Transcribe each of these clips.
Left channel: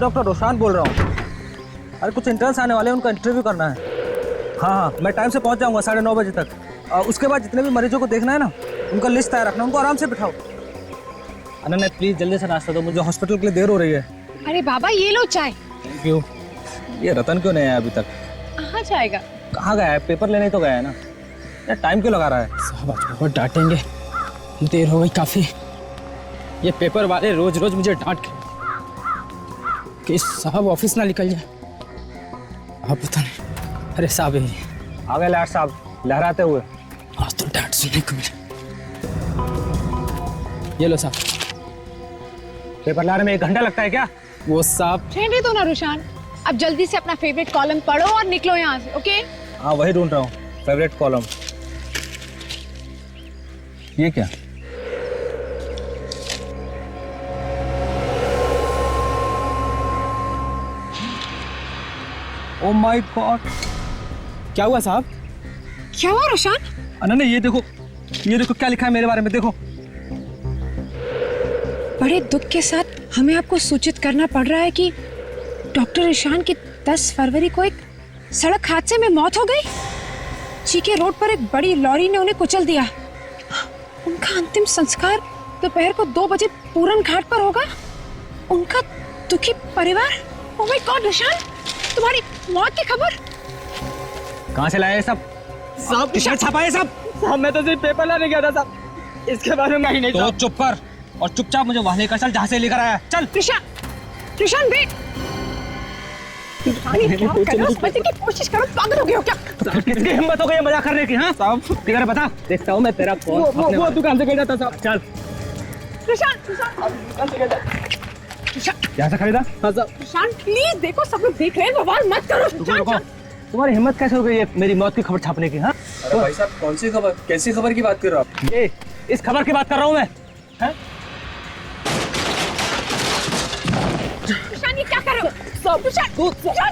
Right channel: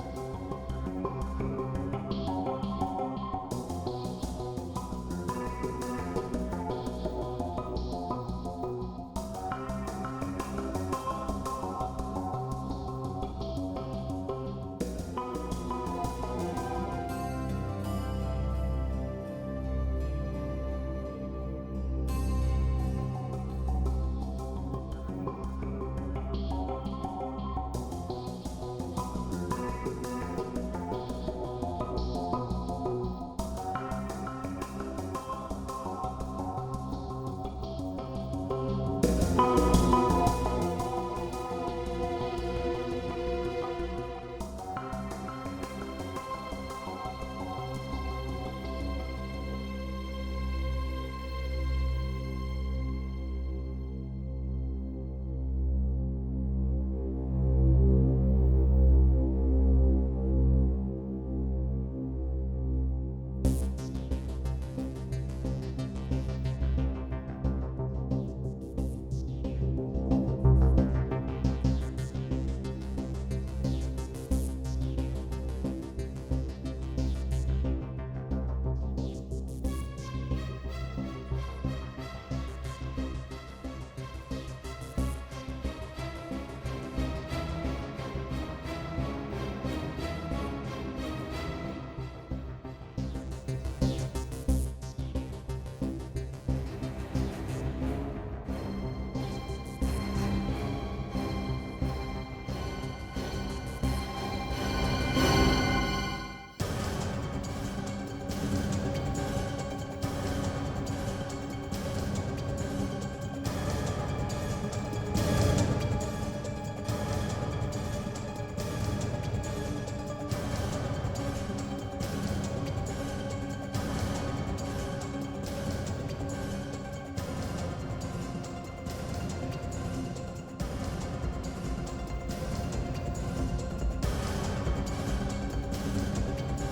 मैं डॉक्टर रोशान बोल रहा हूँ। अरे कुछ इंटर्न्स आने वाले हैं, उनका इंटरव्यू करना है। हाँ, मैं टाइम से पहुँच जाऊँगा 9:30 बजे तक। उसके बाद जितने भी मरीजों को देखना है ना, उनका लिस्ट तैयार रखना, उनको आराम से बिठाओ। अनन्या प्लीज जल्दी से नाश्ता दो, मुझे हॉस्पिटल के लिए देर हो रही है। अरे बाबा ये लो चाय। क्यों? ये रतन क्यों नहीं आया अभी तक? कहाँ जाएगा? कहाँ गया है? पेपर लेने तो गया है ना। यार टाइम क्यों लगा रहा है? साहब आज बहुत डांटेंगे, देर हो गई काफी। ये पेपर वाले रोज रोज मुझे डांट कि साहब ऑफिस ना निकल जाए। आप पता नहीं। अरे साहब ये आ गए लाट साहब लहराते हुए। आज तो डांट सुनने को मिला। ये लो साहब। पेपर लाने में 1 घंटा लगता है क्या? वो साहब रहने दो ना रुशान, अब जल्दी से अपना फेवरेट कॉलम पढ़ो और निकलो यहाँ से, ओके? हाँ वही ढूंढ रहा हूँ, फेवरेट कॉलम। ये क्या? ओह माय गॉड, क्या हुआ साहब? क्या हुआ रुशान? अनन्या ये देखो क्या लिखा है मेरे बारे में, देखो। बड़े दुख के साथ हमें आपको सूचित करना पड़ रहा है कि डॉक्टर ईशान की 10 फरवरी को एक सड़क हादसे में मौत हो गई। चीके रोड पर एक बड़ी लॉरी ने उन्हें कुचल दिया। उनका अंतिम संस्कार दोपहर को 2 बजे पूरन घाट पर होगा। उनका दुखी परिवार। ओह माय गॉड ईशान, तुम्हारी मौत की खबर कहाँ से लाए सब? साहब टी-शर्ट छापा है सब? साहब मैं तो सिर्फ पेपर लाने गया था साहब, इसके बारे में ही नहीं। तो चुप कर और चुपचाप मुझे वहां लेकर चल जहाँ से लेकर आया। चल। ईशान वेट। बचने की कोशिश करो, पागल हो गए हो क्या? कितनी हिम्मत हो गई मजाक करने की? हाँ साहब किधर बता, देखता हूँ मैं तेरा कौन। वो दुकान से खरीदा था साहब। चल। क्या से खरीदा? हाँ साहब। ईशान प्लीज देखो, सब लोग देख रहे हैं, बवाल मत करो। देखो, तुम्हारी हिम्मत कैसे हो गई है मेरी मौत की खबर छापने की? हाँ भाई साहब कौन सी खबर, कैसी खबर की बात कर रहे हो आप? ये इस खबर की बात कर रहा हूँ मैं। ईशान ये क्या कर रहे हो? ईशान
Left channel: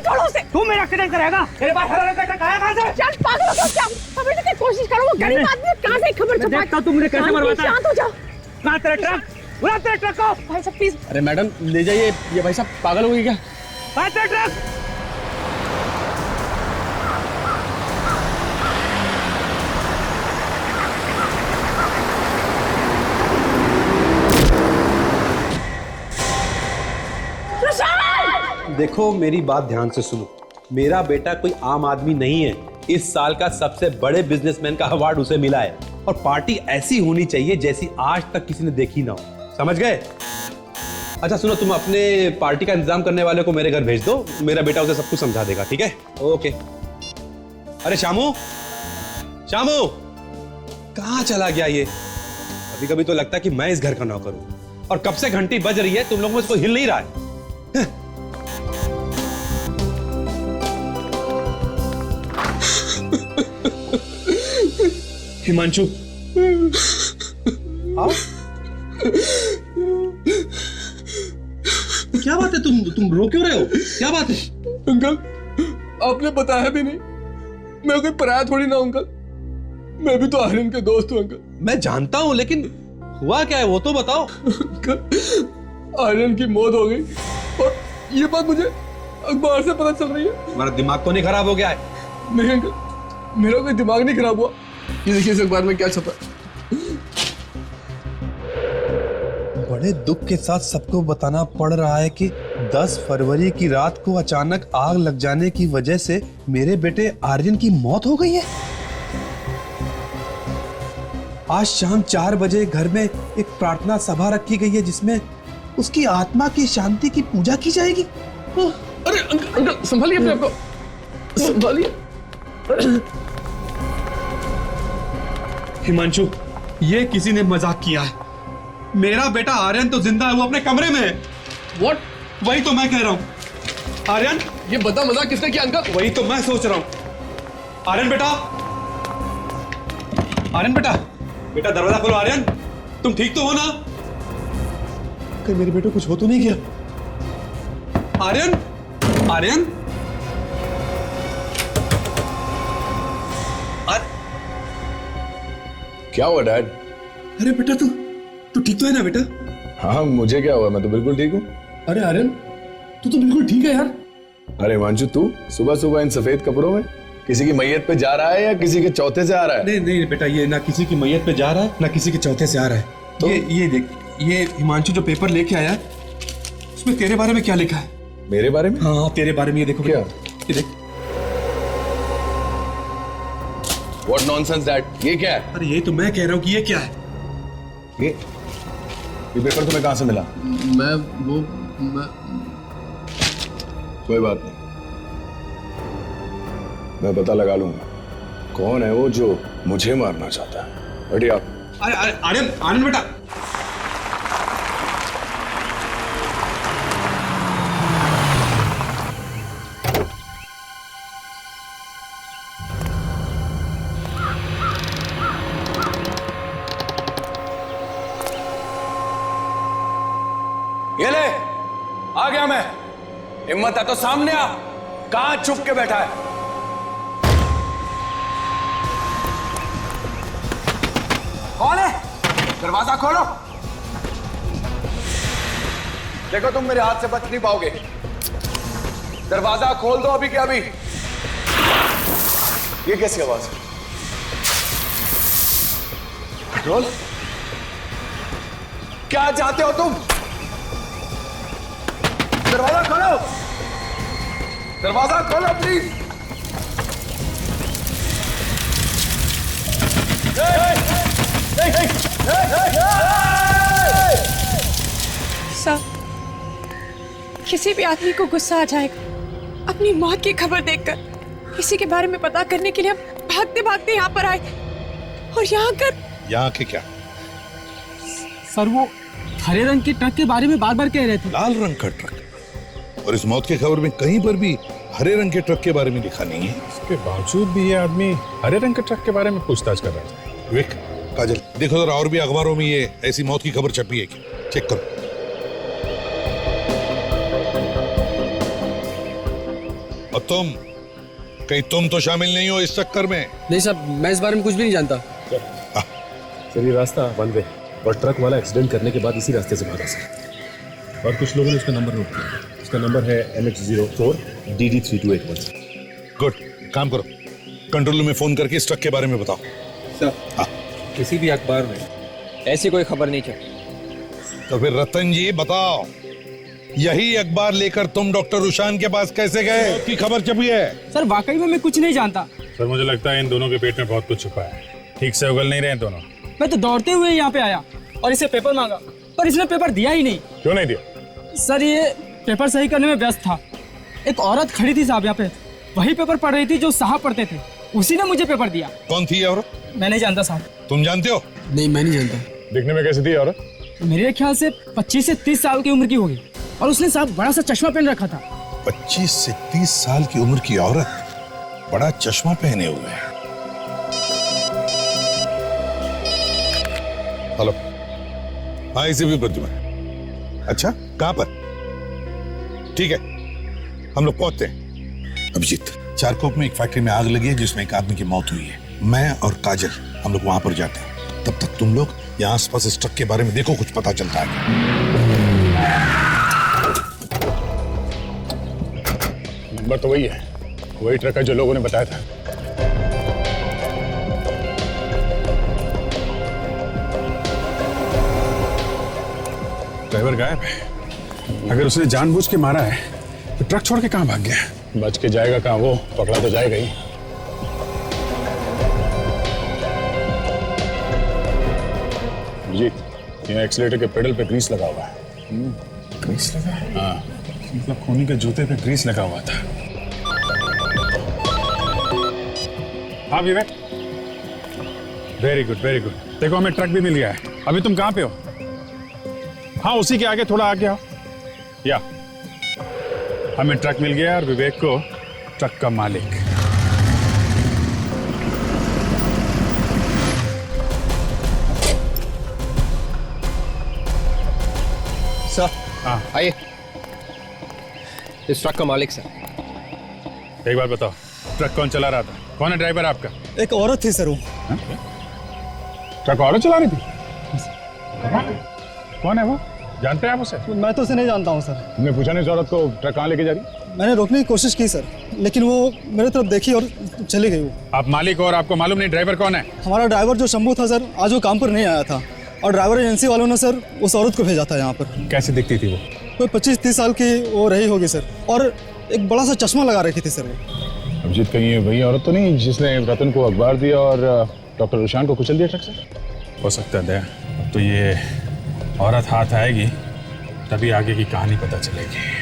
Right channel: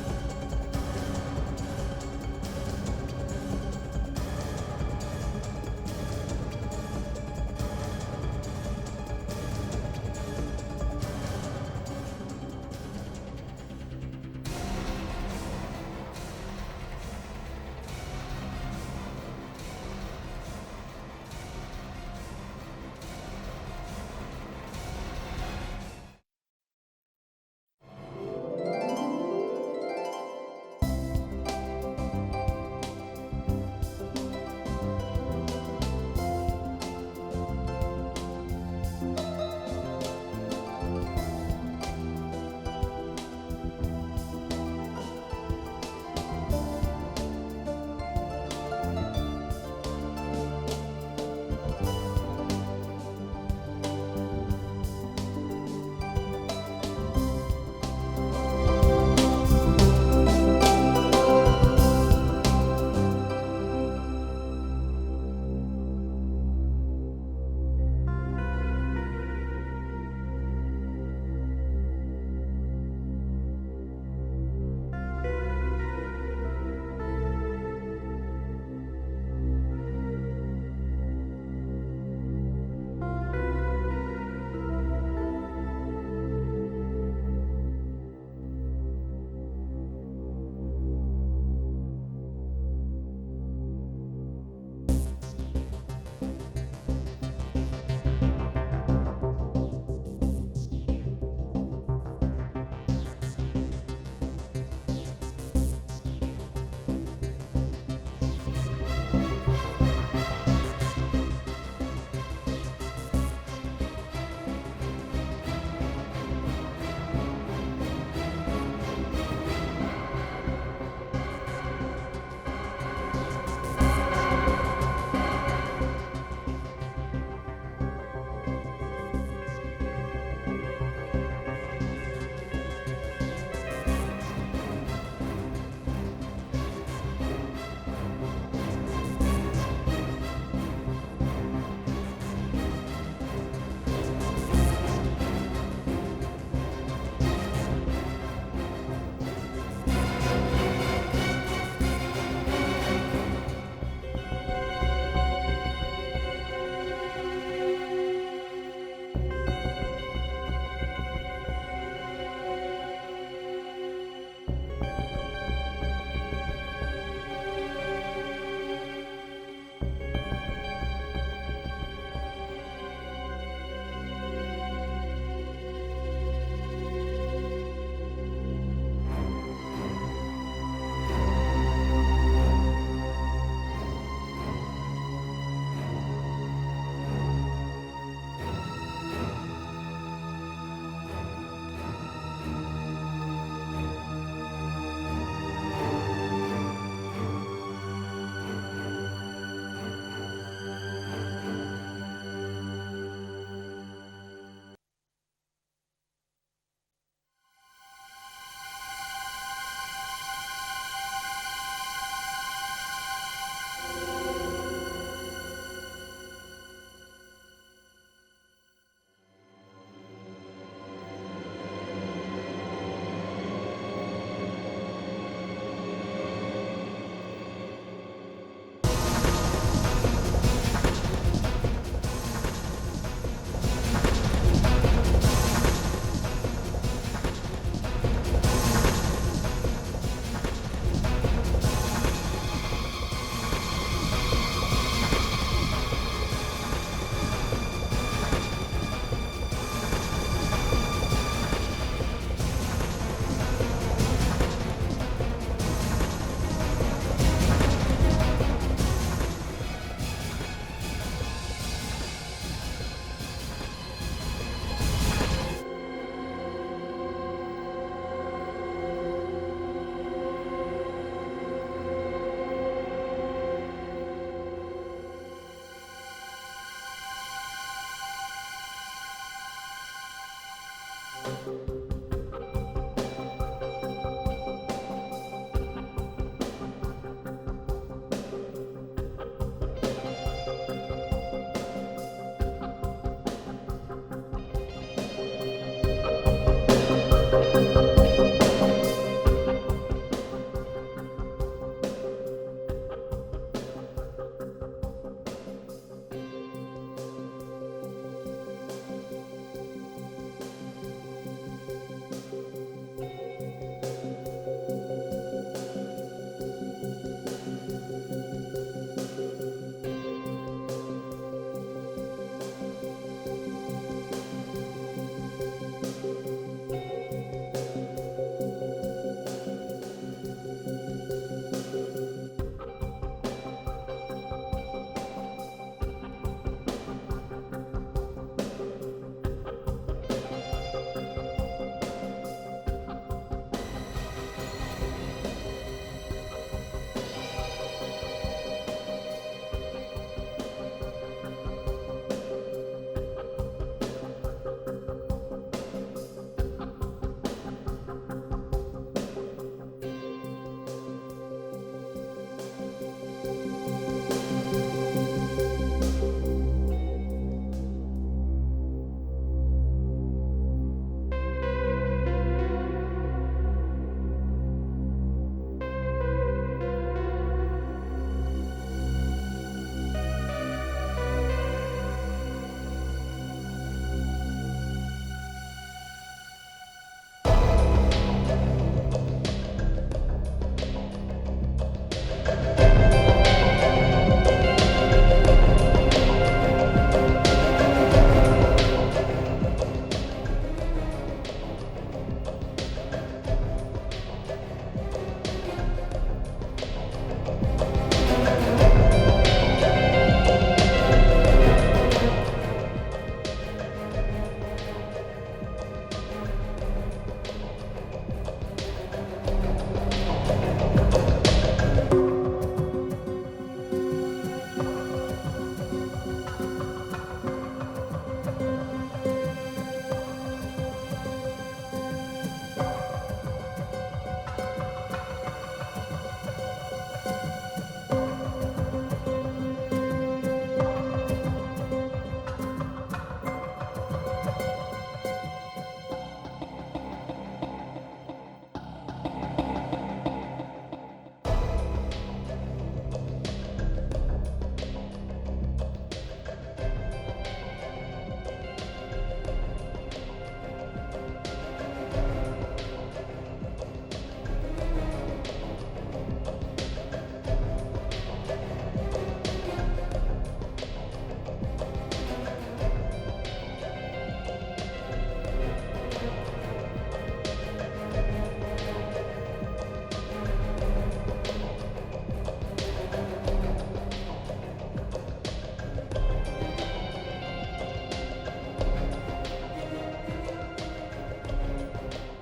छोड़ो उसे। तू मेरा एक्सीडेंट कराएगा? मेरे पास हरा रखा है कहाँ से? ईशान पागल हो गया क्या? समझने की कोशिश करो, वो गरीब आदमी कहाँ से खबर छुपा? देखता हूँ तू मुझे कैसे मरवाता है। शांत हो जाओ। कहाँ तेरा ट्रक? बुला तेरे ट्रक को। भाई साहब प्लीज। अरे मैडम ले जाइए, ये भाई साहब पागल हो गई क्या? कहाँ तेरा ट्रक? देखो मेरी बात ध्यान से सुनो, मेरा बेटा कोई आम आदमी नहीं है। इस साल का सबसे बड़े बिजनेसमैन का अवार्ड उसे मिला है और पार्टी ऐसी होनी चाहिए जैसी आज तक किसी ने देखी ना हो। समझ गए? अच्छा सुनो, तुम अपने पार्टी का इंतजाम करने वाले को मेरे घर भेज दो, मेरा बेटा उसे सब कुछ समझा देगा, ठीक है? ओके। अरे शामू, शामू कहाँ चला गया ये? कभी कभी तो लगता है कि मैं इस घर का नौकर हूँ और कब से घंटी बज रही है, तुम लोगों में इसको हिल नहीं रहा है। हिमांशु क्या बात है, तुम रो क्यों रहे हो? क्या बात है? अंकल आपने बताया भी नहीं, मैं कोई पराया थोड़ी ना अंकल, मैं भी तो आर्यन के दोस्त हूँ अंकल। मैं जानता हूँ लेकिन हुआ क्या है वो तो बताओ। आर्यन की मौत हो गई और ये बात मुझे अखबार से पता चल रही है। तुम्हारा दिमाग तो नहीं खराब हो गया है? नहीं अंकल, मेरा कोई दिमाग नहीं खराब हुआ। ये देखिए इस अखबार में क्या छपा है। बड़े दुख के साथ सबको बताना पड़ रहा है कि 10 फरवरी की रात को अचानक आग लग जाने की वजह से मेरे बेटे आर्यन की मौत हो गई है। आज शाम 4 बजे घर में एक प्रार्थना सभा रखी गई है जिसमें उसकी आत्मा की शांति की पूजा की जाएगी। अरे अंकल संभालिए अपने आप को, संभालिए। हिमांशु ये किसी ने मजाक किया है। मेरा बेटा आर्यन तो जिंदा है, वो अपने कमरे में है। व्हाट? वही तो मैं कह रहा हूँ। आर्यन, ये बता मजाक किसने किया अंकल? वही तो मैं सोच रहा हूँ। आर्यन बेटा, आर्यन बेटा, बेटा दरवाजा खोलो। आर्यन तुम ठीक तो हो ना? मेरे बेटे कुछ हो तो नहीं गया? आर्यन, आर्यन, क्या हुआ डैड? अरे बेटा तू ठीक तो है ना बेटा? हाँ मुझे क्या हुआ, मैं तो बिल्कुल ठीक हूँ। अरे आर्यन तू तो बिल्कुल ठीक है यार। अरे हिमांशु, तू सुबह सुबह इन सफेद कपड़ों में किसी की मैयत पे जा रहा है या किसी के चौथे से आ रहा है? नहीं नहीं बेटा, ये ना किसी की मैयत पे जा रहा है ना किसी के चौथे से आ रहा है। तो ये देख, ये हिमांशु जो पेपर लेके आया उसमें तेरे बारे में क्या लिखा है? मेरे बारे में? हाँ तेरे बारे में। ये देखो क्या? ये देख। What nonsense that? ये क्या है? अरे ये तो मैं कह रहा हूँ कि ये क्या है। ये पेपर तुम्हें कहाँ से मिला? कोई बात नहीं, मैं पता लगा लूंगा कौन है वो जो मुझे मारना चाहता है। बढ़िया। अरे अरे आर्यन, आर्यन बेटा। ये ले, आ गया मैं। हिम्मत है तो सामने आ। कहां छुप के बैठा है? कौन है? दरवाजा खोलो। देखो तुम मेरे हाथ से बच नहीं पाओगे। दरवाजा खोल दो अभी के अभी। ये कैसी आवाज है? रोल, क्या चाहते हो तुम? दरवाजा खोलो, दरवाजा खोलो प्लीज। सर, किसी भी आदमी को गुस्सा आ जाएगा अपनी मौत की खबर देखकर। इसी के बारे में पता करने के लिए हम भागते भागते यहाँ पर आए और यहाँ के क्या? सर वो हरे रंग के ट्रक के बारे में बार बार कह रहे थे। लाल रंग का ट्रक, और इस मौत की खबर में कहीं पर भी हरे रंग के ट्रक के बारे में लिखा नहीं है। इसके बावजूद भी ये आदमी हरे रंग के ट्रक के बारे में पूछताछ कर रहा है। विक, काजल, देखो जरा और भी अखबारों में ये ऐसी मौत की खबर छपी है क्या? चेक करो। और तुम, कहीं तुम तो शामिल नहीं हो इस चक्कर में? नहीं साहब, मैं इस बारे में कुछ भी नहीं जानता। सर ये रास्ता बंद है और ट्रक वाला एक्सीडेंट करने के बाद इसी रास्ते से भागा सर। और कुछ लोगों ने उसका नंबर नोट किया। उसका नंबर है MH04 DD3281। गुड, काम करो, कंट्रोल रूम में फोन करके इस ट्रक के बारे में बताओ। सर, किसी भी अखबार में ऐसी कोई खबर नहीं छपी। तो फिर रतन जी बताओ, यही अखबार लेकर तुम डॉक्टर रुशान के पास कैसे गए कि खबर छपी है? सर वाकई में मैं कुछ नहीं जानता। सर मुझे लगता है इन दोनों के पेट में बहुत कुछ छुपा है। ठीक से उगल नहीं रहे हैं दोनों। मैं तो दौड़ते हुए यहाँ पे आया और इसे पेपर मांगा, पर इसने पेपर दिया ही नहीं। क्यों नहीं दिया? सर ये पेपर सही करने में व्यस्त था। एक औरत खड़ी थी साहब यहाँ पे, वही पेपर पढ़ रही थी जो साहब पढ़ते थे, उसी ने मुझे पेपर दिया। कौन थी ये औरत? मैं नहीं जानता साहब। तुम जानते हो? नहीं, मैं नहीं जानता। दिखने में कैसी थी औरत? मेरे ख्याल से 25 से 30 साल की उम्र की होगी, और उसने साहब बड़ा सा चश्मा पहन रखा था। 25 से 30 साल की उम्र की औरत, बड़ा चश्मा पहने हुए है। हेलो, हाँ इसे भी प्रतिमा। अच्छा, कहाँ पर? ठीक है, हम लोग पहुंचते हैं। अभिजीत, चारकोप में एक फैक्ट्री में आग लगी है जिसमें एक आदमी की मौत हुई है। मैं और काजल हम लोग वहां पर जाते हैं। तब तक तुम लोग यहाँ आसपास इस ट्रक के बारे में देखो, कुछ पता चलता है। नंबर तो वही है, वही ट्रक है जो लोगों ने बताया था। ड्राइवर गायब है। अगर उसने जानबूझ के मारा है तो ट्रक छोड़ के कहां भाग गया? बच के जाएगा कहां, वो पकड़ा तो जाएगा ही। जी, यहाँ एक्सीलेटर के पेडल पे ग्रीस लगा हुआ है। ग्रीस लगा? हाँ, मतलब खूनी के जूते पे ग्रीस लगा हुआ था। हाँ विवेक, वेरी गुड वेरी गुड। देखो हमें ट्रक भी मिल गया है। अभी तुम कहाँ पे हो? हाँ उसी के आगे थोड़ा आगे आओ। या हमें ट्रक मिल गया और विवेक को ट्रक का मालिक। सर, हाँ आइए। इस ट्रक का मालिक सर। एक बार बताओ, ट्रक कौन चला रहा था? कौन है ड्राइवर आपका? एक औरत थी सर वो। ट्रक औरत चला रही थी? कौन है वो? जानते हैं आप उसे? मैं तो उसे नहीं जानता हूँ सर। तुमने पूछा नहीं उस औरत को ट्रक कहाँ लेके जा रही? मैंने रोकने की कोशिश की सर, लेकिन वो मेरे तरफ देखी और चली गई। आप मालिक हो और आपको मालूम नहीं ड्राइवर कौन है? हमारा ड्राइवर जो शंभू था सर, आज वो काम पर नहीं आया था और ड्राइवर एजेंसी वालों ने सर उस औरत को भेजा था यहाँ पर। कैसी दिखती थी वो? कोई 25-30 साल की वो रही होगी सर, और एक बड़ा सा चश्मा लगा रखी थी सर। अभिजीत, कहीं ये वही औरत तो नहीं जिसने रतन को अखबार दिया और डॉक्टर रुशान को कुचल दिया ट्रक से? हो सकता है। तो ये औरत हाथ आएगी तभी आगे की कहानी पता चलेगी।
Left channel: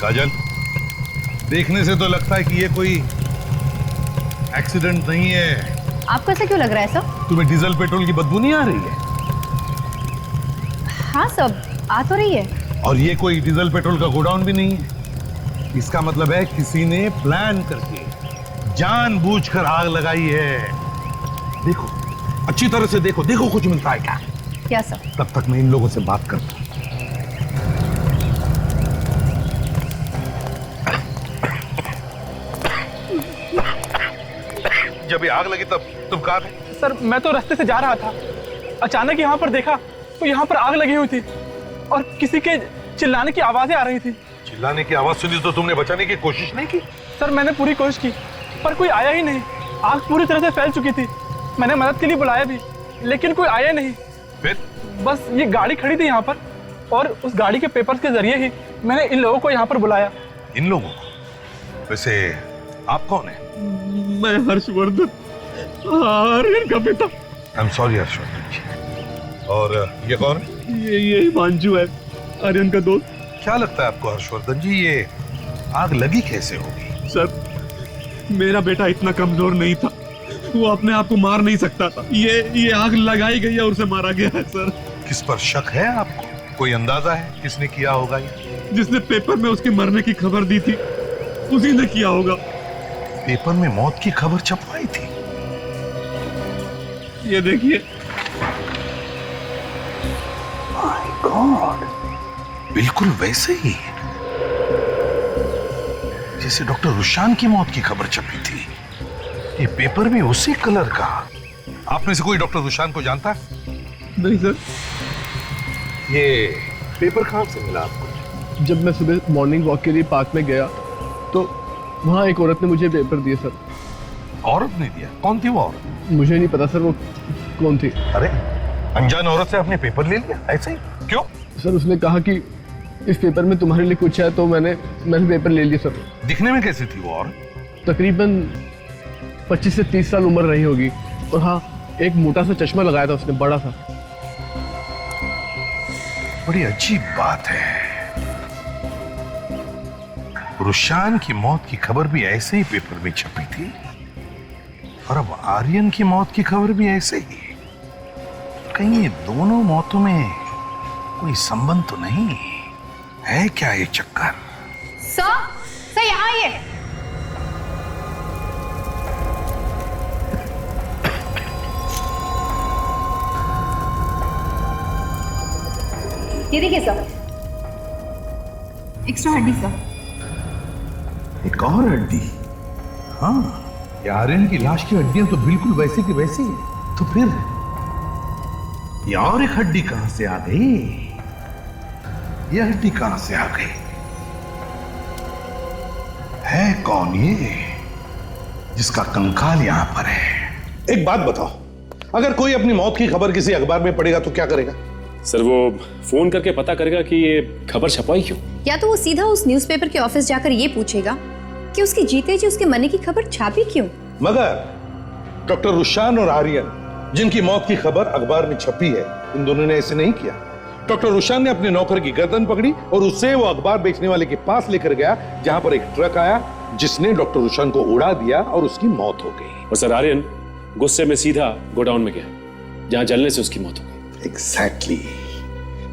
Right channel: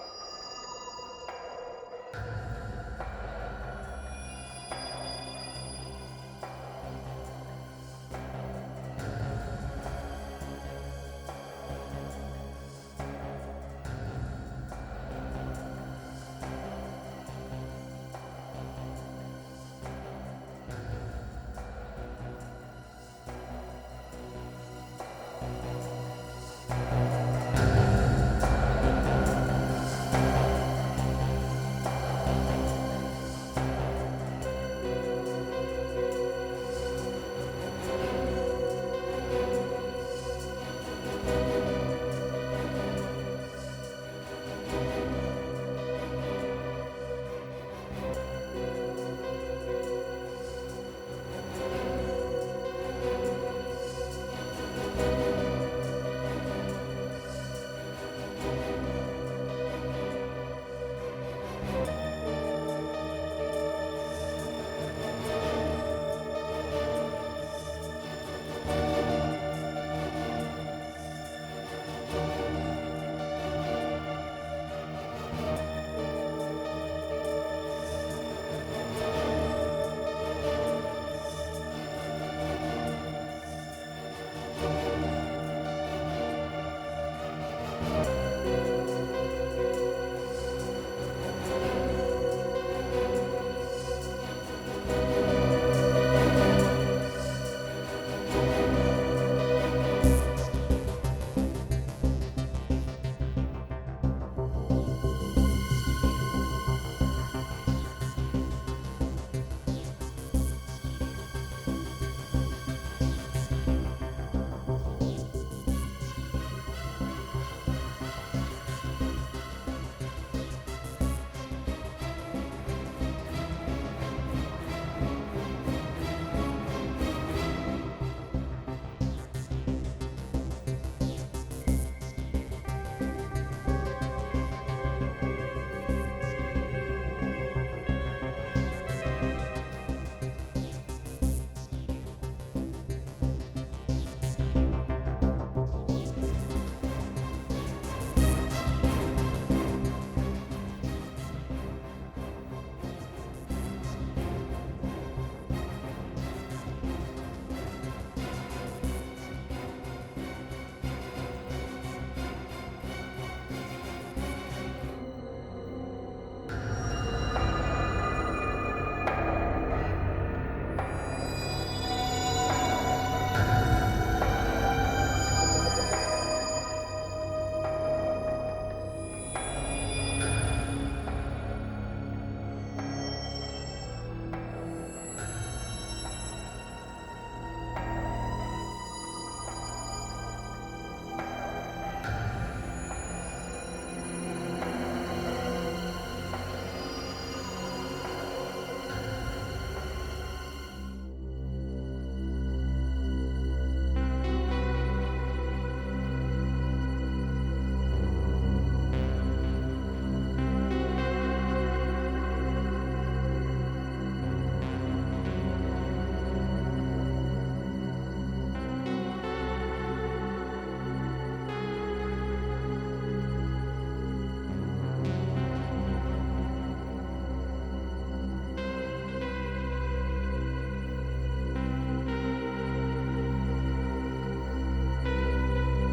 काजल, देखने से तो लगता है कि ये कोई एक्सीडेंट नहीं है। आपको ऐसा क्यों लग रहा है सब? तुम्हें डीजल पेट्रोल की बदबू नहीं आ रही है? हाँ सब आ तो रही है। और ये कोई डीजल पेट्रोल का गोडाउन भी नहीं है। इसका मतलब है किसी ने प्लान करके जानबूझकर आग लगाई है। देखो, अच्छी तरह से देखो, देखो कुछ मिलता है क्या? क्या सब? तब तक मैं इन लोगों से बात करता हूं। जब ये आग लगी तब तुम कहाँ थे? सर मैं तो रास्ते से जा रहा था, अचानक यहाँ पर देखा तो यहाँ पर आग लगी हुई थी और किसी के चिल्लाने की आवाजें आ रही थी। चिल्लाने की आवाज सुनी तो तुमने बचाने की कोशिश नहीं की? सर मैंने पूरी कोशिश की पर कोई आया ही नहीं। आग पूरी तरह से फैल चुकी थी। मैंने मदद के लिए बुलाया भी लेकिन कोई आया नहीं। फिर? बस ये गाड़ी खड़ी थी यहाँ पर और उस गाड़ी के पेपर के जरिए ही मैंने इन लोगों को यहाँ पर बुलाया। इन लोगों? वैसे आप कौन है? मैं हर्षवर्धन, आर्यन का पिता। आई एम सॉरी हर्षवर्धन जी। और ये कौन है? ये हिमांशु है, आर्यन का दोस्त। क्या लगता है आपको हर्षवर्धन जी, ये आग लगी कैसे होगी? सर मेरा बेटा इतना कमजोर नहीं था, वो अपने आप को मार नहीं सकता था। ये आग लगाई गई है और उसे मारा गया है सर। किस पर शक है आपको? कोई अंदाजा है किसने किया होगा? जिसने पेपर में उसके मरने की खबर दी थी उसी ने किया होगा। पेपर में मौत की खबर छपवाई थी? ये देखिए। माय गॉड, बिल्कुल वैसे ही जैसे डॉक्टर रुशान की मौत की खबर छपी थी। ये पेपर भी उसी कलर का। आप में से कोई डॉक्टर रुशान को जानता है? नहीं सर। ये पेपर कहाँ से मिला? जब मैं सुबह मॉर्निंग वॉक के लिए पार्क में गया तो वहाँ एक औरत ने मुझे पेपर दिए सर। औरत ने दिया? कौन थी वो? मुझे नहीं पता सर वो कौन थी। अरे अनजान औरत से आपने पेपर ले लिया ऐसे ही? क्यों? सर उसने कहा कि इस पेपर में तुम्हारे लिए कुछ है तो मैंने पेपर ले लिया सर। दिखने में कैसी थी वो औरत? तकरीबन 25 से 30 साल उम्र रही होगी और हाँ एक मोटा सा चश्मा लगाया था उसने, बड़ा सा। बड़ी अजीब बात है, रुशान की मौत की खबर भी ऐसे ही पेपर में छपी थी और अब आर्यन की मौत की खबर भी ऐसे ही। कहीं ये दोनों मौतों में कोई संबंध तो नहीं है क्या? ये चक्कर सर यहाँ आइए। ये देखिए सर, एक्स्ट्रा हड्डी सर। एक और हड्डी? हाँ, ये आर्यन की लाश की हड्डियां तो बिल्कुल वैसी की वैसी है। तो फिर ये और एक हड्डी कहां से आ गई? ये हड्डी कहां से आ गई? है कौन ये जिसका कंकाल यहां पर है? एक बात बताओ, अगर कोई अपनी मौत की खबर किसी अखबार में पढ़ेगा तो क्या करेगा? सर वो फोन करके पता करेगा कि ये खबर छपाई क्यों। या तो वो सीधा उस न्यूज़पेपर के ऑफिस जाकर ये पूछेगा कि उसके जीते जी उसके मरने की खबर छापी क्यों। मगर डॉक्टर रुशान और आर्यन जिनकी मौत की खबर अखबार में छपी है, इन दोनों ने ऐसे नहीं किया। डॉक्टर रुशान ने अपने नौकर की गर्दन पकड़ी और उसे वो अखबार बेचने वाले के पास लेकर गया जहां पर एक ट्रक आया जिसने डॉक्टर रुशान को उड़ा दिया और उसकी मौत हो गई। और सर आर्यन गुस्से में सीधा गोडाउन में गया जहां जलने से उसकी मौत हो गई। एग्जैक्टली,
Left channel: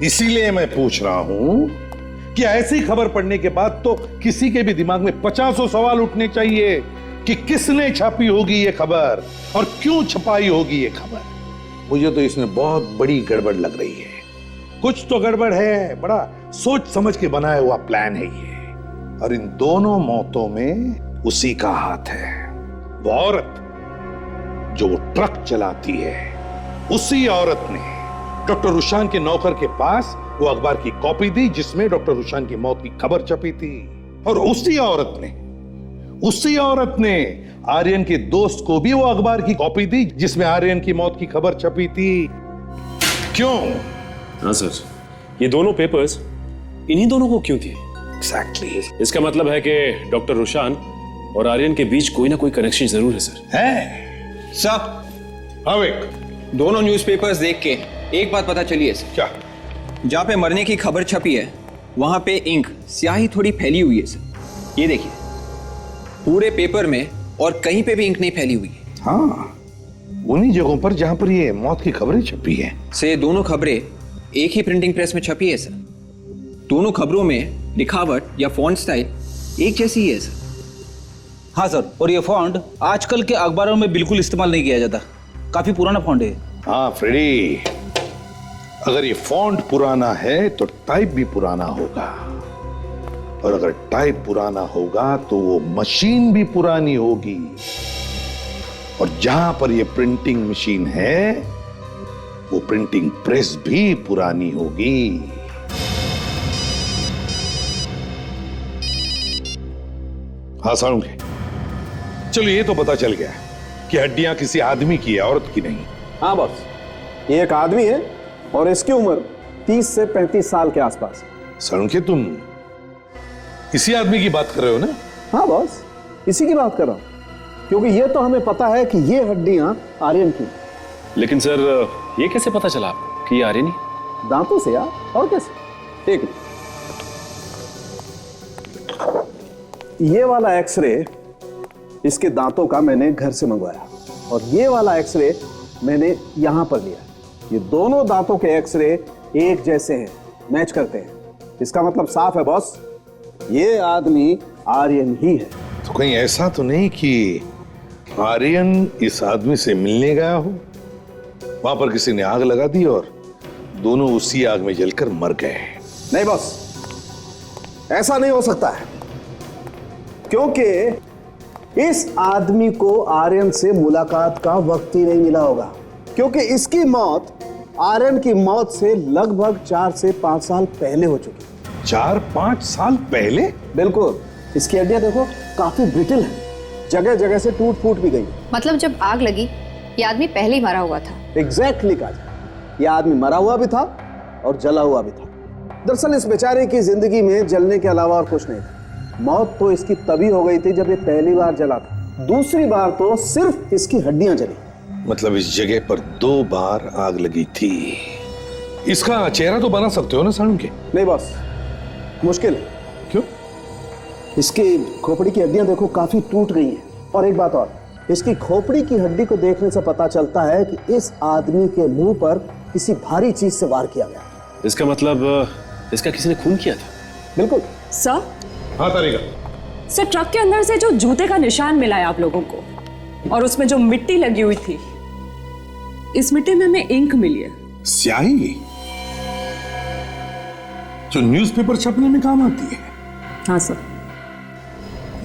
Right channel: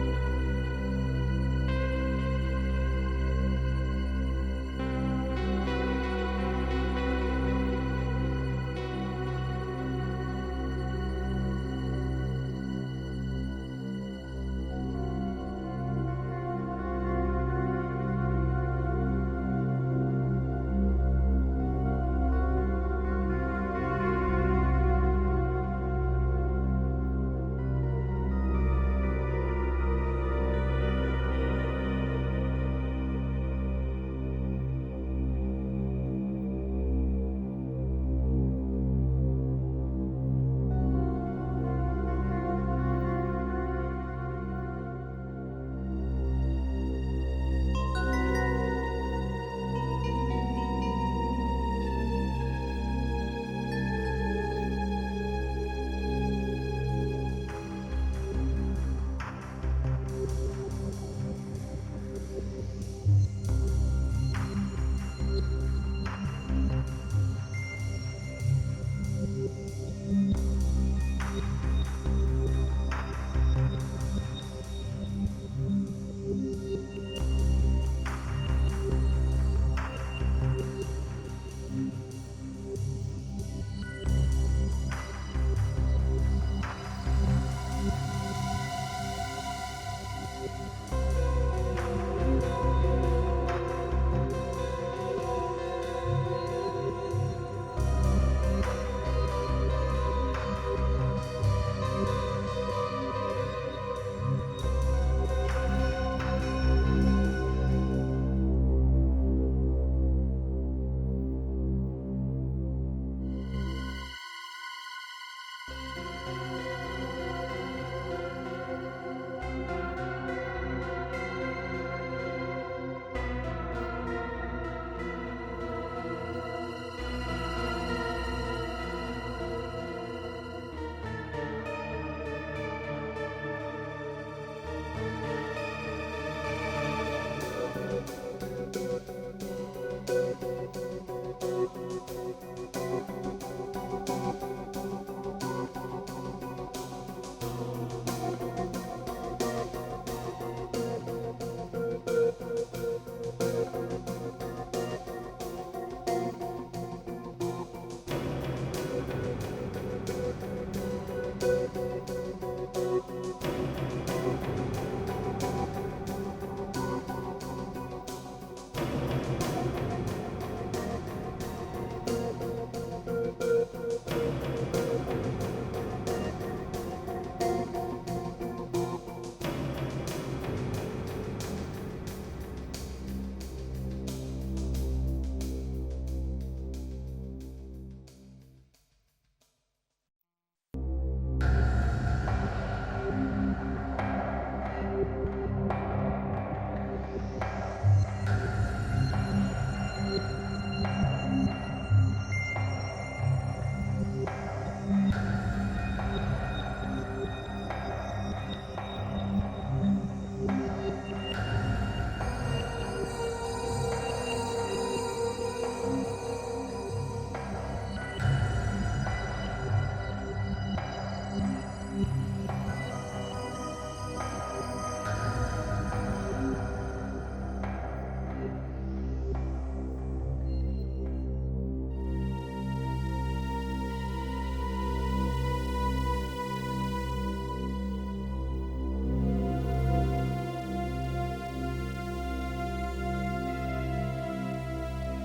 इसीलिए मैं पूछ रहा हूं कि ऐसी खबर पढ़ने के बाद तो किसी के भी दिमाग में 50 सवाल उठने चाहिए कि किसने छापी होगी ये खबर और क्यों छपाई होगी ये खबर। मुझे तो इसमें बहुत बड़ी गड़बड़ लग रही है। कुछ तो गड़बड़ है, बड़ा सोच समझ के बनाया हुआ प्लान है ये, और इन दोनों मौतों में उसी का हाथ है। वो औरत जो वो ट्रक चलाती है, उसी औरत ने डॉक्टर रुशान के नौकर के पास वो अखबार की कॉपी दी जिसमें डॉक्टर रुशान की मौत की खबर छपी थी। और उसी औरत ने आर्यन के दोस्त को भी वो अखबार की कॉपी दी जिसमें आर्यन की मौत की खबर छपी थी। क्यों? हाँ सर, ये दोनों पेपर्स इन्हीं दोनों को क्यों दिए? एग्जैक्टली। इसका मतलब है कि डॉक्टर रुशान और आर्यन के बीच कोई ना कोई कनेक्शन जरूर है सर। है सर, अविक, दोनों न्यूज़पेपर्स देख के एक बात पता चली है सर। क्या? जहाँ पे मरने की खबर छपी है वहां पे इंक स्याही थोड़ी फैली हुई है सर। ये देखिए, पूरे पेपर में और कहीं पे भी इंक नहीं फैली हुई है। हाँ, उन्हीं जगहों पर जहां पर ये मौत की खबरें छपी है। से दोनों खबरें एक ही प्रिंटिंग प्रेस में छपी है सर। दोनों खबरों में लिखावट या फॉन्ट स्टाइल एक जैसी ही है सर। हाँ सर, और ये फॉन्ट आजकल के अखबारों में बिल्कुल इस्तेमाल नहीं किया जाता, काफी पुराना फॉन्ट है। हाँ फ्रेडी, अगर ये फॉन्ट पुराना है तो टाइप भी पुराना होगा, और अगर टाइप पुराना होगा तो वो मशीन भी पुरानी होगी, और जहां पर ये प्रिंटिंग मशीन है वो प्रिंटिंग प्रेस भी पुरानी होगी। हाँ सारूंगे, चलो ये तो पता चल गया कि हड्डियां किसी आदमी की है, औरत की नहीं। हाँ बॉस, ये एक आदमी है और इसकी उम्र 30 से 35 साल के आसपास। सारूंगे, तुम इसी आदमी की बात कर रहे हो ना? हाँ बॉस, इसी की बात कर रहा हूँ, क्योंकि ये तो हमें पता है कि ये हड्डियां आर्यन की। लेकिन सर, ये कैसे पता चला कि ये आर्यन ही? दांतों से यार, और कैसे? ठीक है, ये वाला एक्सरे इसके दांतों का मैंने घर से मंगवाया, और ये वाला एक्सरे मैंने यहां पर लिया। ये दोनों दांतों के एक्सरे एक जैसे हैं, मैच करते हैं। इसका मतलब साफ है बॉस, ये आदमी आर्यन ही है। तो कहीं ऐसा तो नहीं कि आर्यन इस आदमी से मिलने गया हो, वहां पर किसी ने आग लगा दी और दोनों उसी आग में जलकर मर गए? नहीं बॉस, ऐसा नहीं हो सकता है, क्योंकि इस आदमी को आर्यन से मुलाकात का वक्त ही नहीं मिला होगा, क्योंकि इसकी मौत आर्यन की मौत से लगभग 4 से 5 साल पहले हो चुकी। 4-5 साल पहले? बिल्कुल, इसकी हड्डियां देखो काफी ब्रिटल है, जगह जगह से टूट फूट भी गई। मतलब जब आग लगी ये आदमी पहले ही मरा हुआ था। एग्जैक्टली कहा, यह आदमी मरा हुआ भी था और जला हुआ भी था। दरअसल इस बेचारे की जिंदगी में जलने के अलावा और कुछ नहीं था। मौत तो इसकी तभी हो गई थी जब ये पहली बार जला था, दूसरी बार तो सिर्फ इसकी हड्डियां जली। मतलब इस जगह पर 2 बार आग लगी थी। इसका चेहरा तो बना सकते हो ना सारूंगे? नहीं बॉस, मुश्किल है। क्यों? इसकी खोपड़ी की हड्डियां देखो काफी टूट गई हैं, और एक बात और, इसकी खोपड़ी की हड्डी को देखने से पता चलता है कि इस आदमी के मुंह पर किसी भारी चीज से वार किया गया। इसका मतलब इसका किसी ने खून किया था? बिल्कुल सर। हाँ तारिका। सर, ट्रक के अंदर से जो जूते का निशान मिला है आप लोगों को, और उसमें जो मिट्टी लगी हुई थी, इस मिट्टी में हमें इंक मिली है। स्याही जो न्यूज़पेपर छपने में काम आती है? हाँ सर।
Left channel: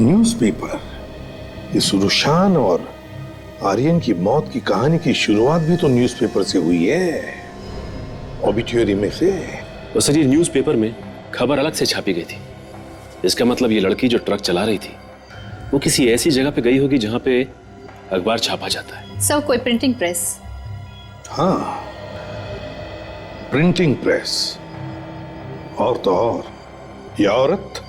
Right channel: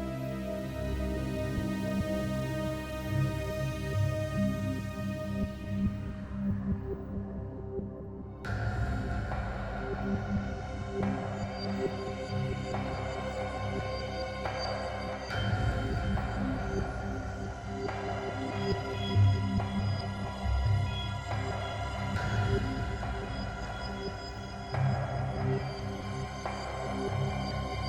न्यूज़पेपर, इस रुशान और आर्यन की मौत की कहानी की शुरुआत भी तो न्यूज़पेपर से हुई है, ऑबिट्यूरी में से। और सर, ये न्यूज़पेपर में खबर अलग से छापी गई थी। इसका मतलब ये लड़की जो ट्रक चला रही थी वो किसी ऐसी जगह पे गई होगी जहां पे अखबार छापा जाता है। सब कोई प्रिंटिंग प्रेस। हाँ, प्रिंटिंग प्रेस। और तो और, ये औरत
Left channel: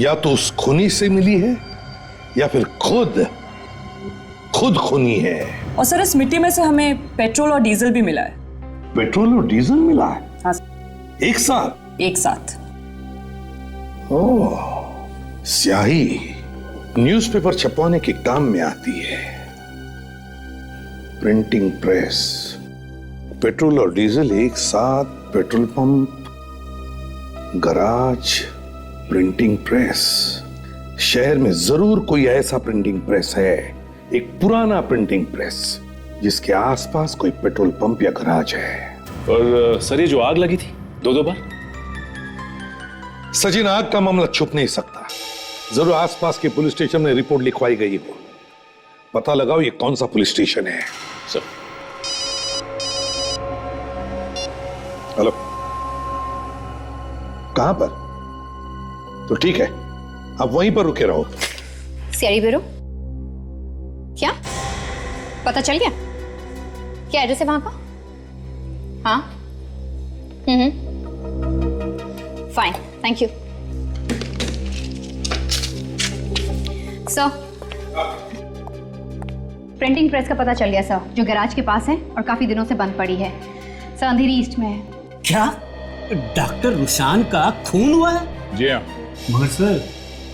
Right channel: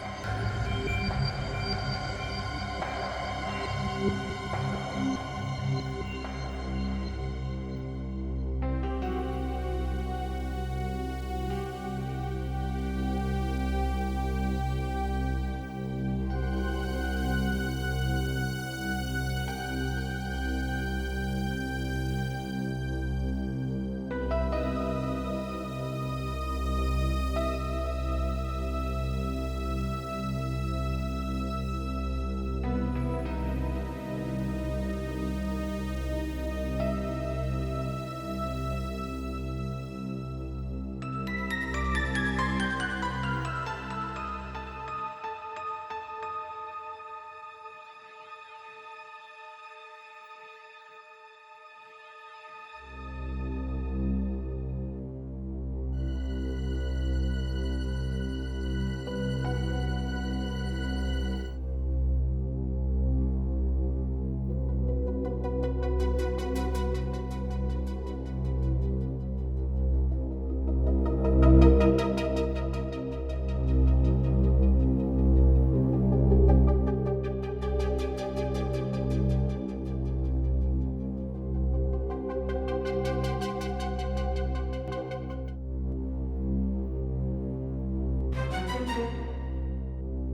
या तो उस खूनी से मिली है या फिर खुद खूनी है। और सर, इस मिट्टी में से हमें पेट्रोल और डीजल भी मिला है। पेट्रोल और डीजल मिला है? हाँ, एक साथ? एक साथ। ओह, स्याही न्यूज़पेपर छपवाने के काम में आती है। प्रिंटिंग प्रेस, पेट्रोल और डीजल एक साथ, petrol pump, garage, printing press. शहर में जरूर कोई ऐसा प्रिंटिंग प्रेस है, एक पुराना प्रिंटिंग प्रेस, जिसके आसपास कोई पेट्रोल पंप या गराज है। और सर, ये जो आग लगी थी 2 बार? सचिन, आग का मामला छुप नहीं सकता, जरूर आसपास के पुलिस स्टेशन में रिपोर्ट लिखवाई गई हो। पता लगाओ ये कौन सा पुलिस स्टेशन है। सर। हेलो, कहां पर? तो ठीक है, आप वहीं पर रुके रहो। CID bureau. क्या पता चल गया? क्या एड्रेस है वहां का? हाँ। Fine, thank you sir. Printing press का पता चल गया सर, जो गैराज के पास है और काफी दिनों से बंद पड़ी है सर, अंधेरी ईस्ट में है। क्या डॉक्टर रुशान का खून हुआ है? जी हाँ। मगर सर,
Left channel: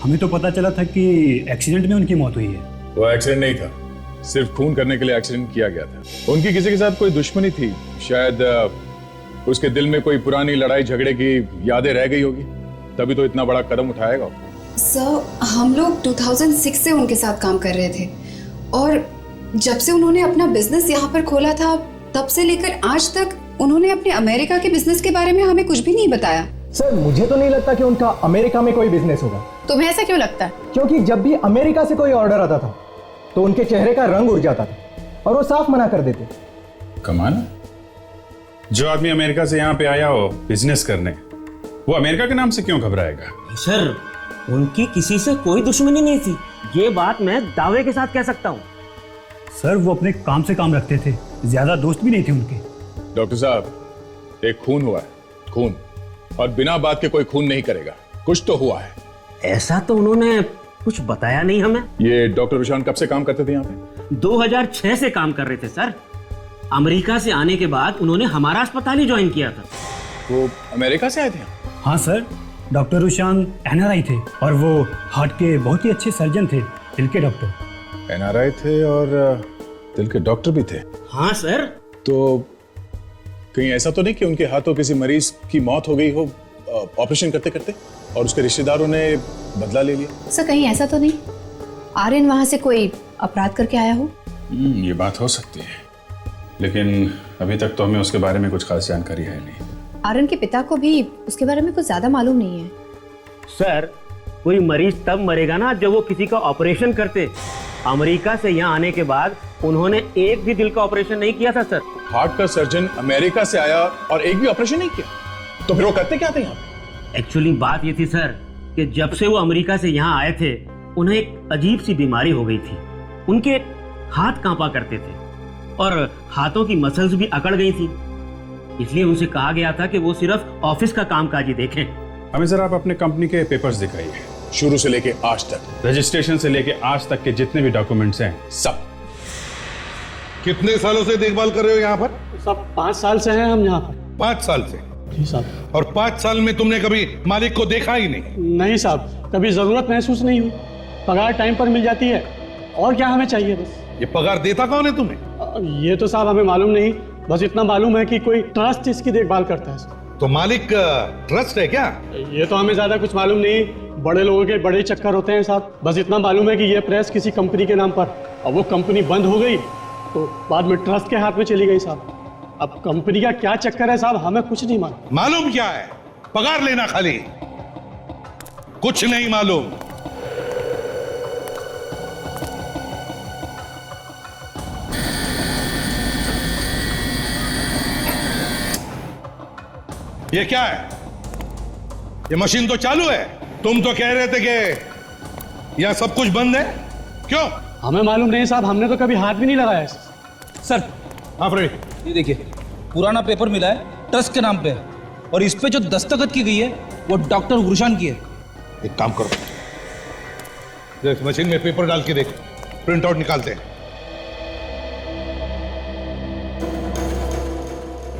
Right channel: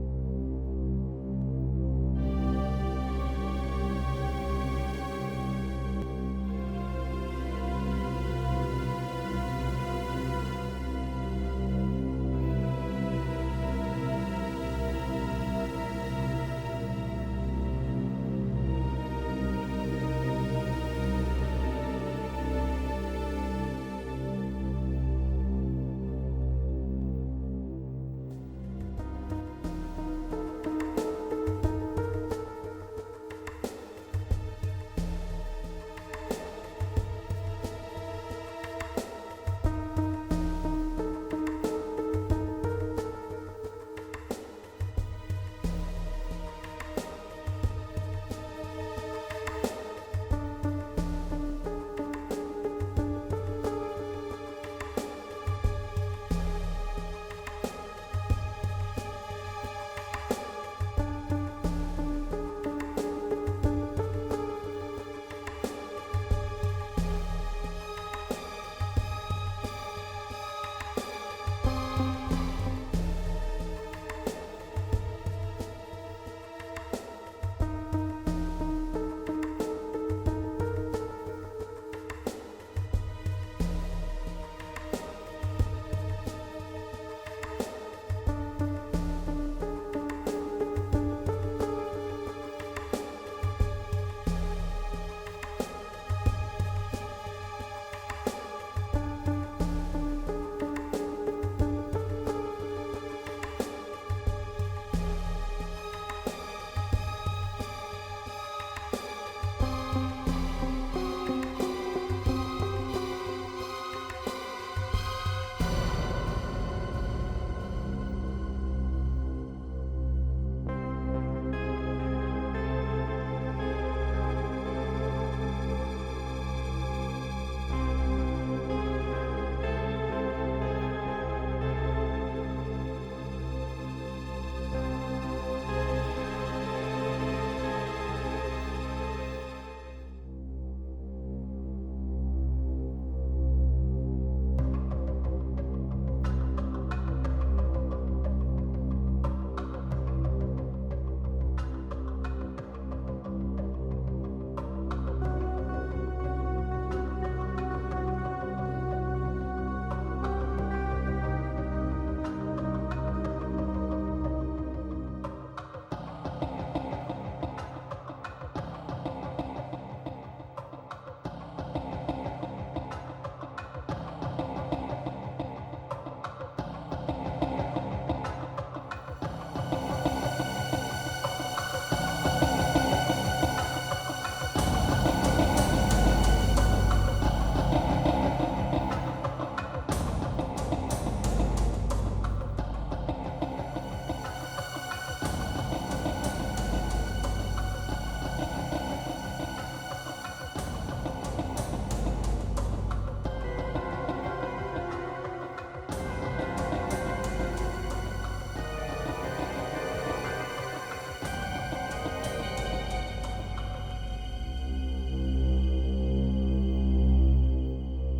हमें तो पता चला था कि एक्सीडेंट में उनकी मौत हुई है। वो एक्सीडेंट नहीं था, सिर्फ खून करने के लिए एक्सीडेंट किया गया था। उनकी किसी के साथ कोई दुश्मनी थी, शायद उसके दिल में कोई पुरानी लड़ाई झगड़े की यादें रह गई होगी, तभी तो इतना बड़ा कदम उठाएगा। सर, हम लोग 2006 से उनके साथ काम कर रहे थे और जब से उन्होंने अपना बिजनेस यहाँ पर खोला था तब से लेकर आज तक उन्होंने अपने अमेरिका के बिजनेस के बारे में हमें कुछ भी नहीं बताया। सर, मुझे तो नहीं लगता कि उनका अमेरिका में कोई बिजनेस होगा। तुम्हें ऐसा क्यों लगता है? क्योंकि जब भी अमेरिका से कोई ऑर्डर आता था तो उनके चेहरे का रंग उड़ जाता था और वो साफ मना कर देते। कमाल, जो आदमी अमेरिका से यहाँ पे आया हो बिजनेस करने, वो अमेरिका के नाम से क्यों घबराएगा? सर, उनकी किसी से कोई दुश्मनी नहीं थी, ये बात मैं दावे के साथ कह सकता हूँ। सर, वो अपने काम से काम रखते थे, ज्यादा दोस्त भी नहीं थे उनके। डॉक्टर साहब, एक खून हुआ है, खून, और बिना बात के कोई खून नहीं करेगा, कुछ तो हुआ है। ऐसा तो उन्होंने कुछ बताया नहीं हमें। ये डॉक्टर रुशान कब से काम करते थे यहाँ पे? 2006 से काम कर रहे थे सर। अमेरिका से आने के बाद उन्होंने हमारा अस्पताल ही ज्वाइन किया था। वो अमेरिका से आए थे? हाँ सर, डॉक्टर रुशान एनआरआई थे और वो हार्ट के बहुत ही अच्छे सर्जन थे, दिल के डॉक्टर। एनआरआई थे और दिल के डॉक्टर भी थे? हाँ सर। तो कहीं ऐसा तो नहीं कि उनके हाथों किसी मरीज की मौत हो गई हो ऑपरेशन करते करते और उसके रिश्तेदारों ने बदला ले लिया? सर, कहीं ऐसा तो नहीं आर्यन वहां से कोई अपराध करके आया हो? ये बात हो सकती है, लेकिन अभी तक तो हमें उसके बारे में कुछ खास जानकारी है नहीं। आर्यन के पिता को भी उसके बारे में कुछ ज्यादा मालूम नहीं है। सर, कोई मरीज तब मरेगा ना जब वो किसी का ऑपरेशन करते। अमेरिका से यहाँ आने के बाद उन्होंने एक भी दिल का ऑपरेशन नहीं किया था सर। हार्ट का सर्जन अमेरिका से आया और एक भी ऑपरेशन नहीं किया, तो फिर वो करते क्या थे यहाँ? एक्चुअली बात ये थी सर कि जब से वो अमेरिका से यहाँ आए थे उन्हें एक अजीब सी बीमारी हो गई थी। उनके हाथ कांपा करते थे और हाथों की मसल्स भी अकड़ गई थी, इसलिए उनसे कहा गया था कि वो सिर्फ ऑफिस का कामकाज ही देखें। हमें जरा आप अपने कंपनी के पेपर्स दिखाइए, शुरू से लेके आज तक, रजिस्ट्रेशन से लेके आज तक के जितने भी डॉक्यूमेंट्स हैं सब। कितने सालों से देखभाल कर रहे हो यहाँ पर? सब 5 साल से हैं हम यहाँ पर। 5 साल से? जी साहब। और 5 साल में तुमने कभी मालिक को देखा ही नहीं? नहीं साहब, कभी जरूरत महसूस नहीं हुई। पगार टाइम पर मिल जाती है और क्या हमें चाहिए बस। ये पगार देता कौन है तुम्हें? ये तो साहब हमें मालूम नहीं, बस इतना मालूम है कि कोई ट्रस्ट इसकी देखभाल करता है। तो मालिक ट्रस्ट है क्या? ये तो हमें ज्यादा कुछ मालूम नहीं, बड़े लोगों के बड़े चक्कर होते हैं साहब। बस इतना मालूम है कि ये प्रेस किसी कंपनी के नाम पर, अब वो कंपनी बंद हो गई तो बाद में ट्रस्ट के हाथ में चली गई साहब। अब कंपनी का क्या चक्कर है साहब, हमें कुछ नहीं मालूम। मालूम क्या है? पगार लेना खाली, कुछ नहीं मालूम। ये क्या है? ये मशीन तो चालू है। तुम तो कह रहे थे कि यहां सब कुछ बंद है, क्यों? हमें मालूम नहीं साहब, हमने तो कभी हाथ भी नहीं लगाया। सर आप रे, ये देखिए, पुराना पेपर मिला है, ट्रस्ट के नाम पे है और इस पे जो दस्तखत की गई है वो डॉक्टर रुशान की है। एक काम करो, देख मशीन में पेपर डाल के देख, प्रिंट आउट निकालते हैं।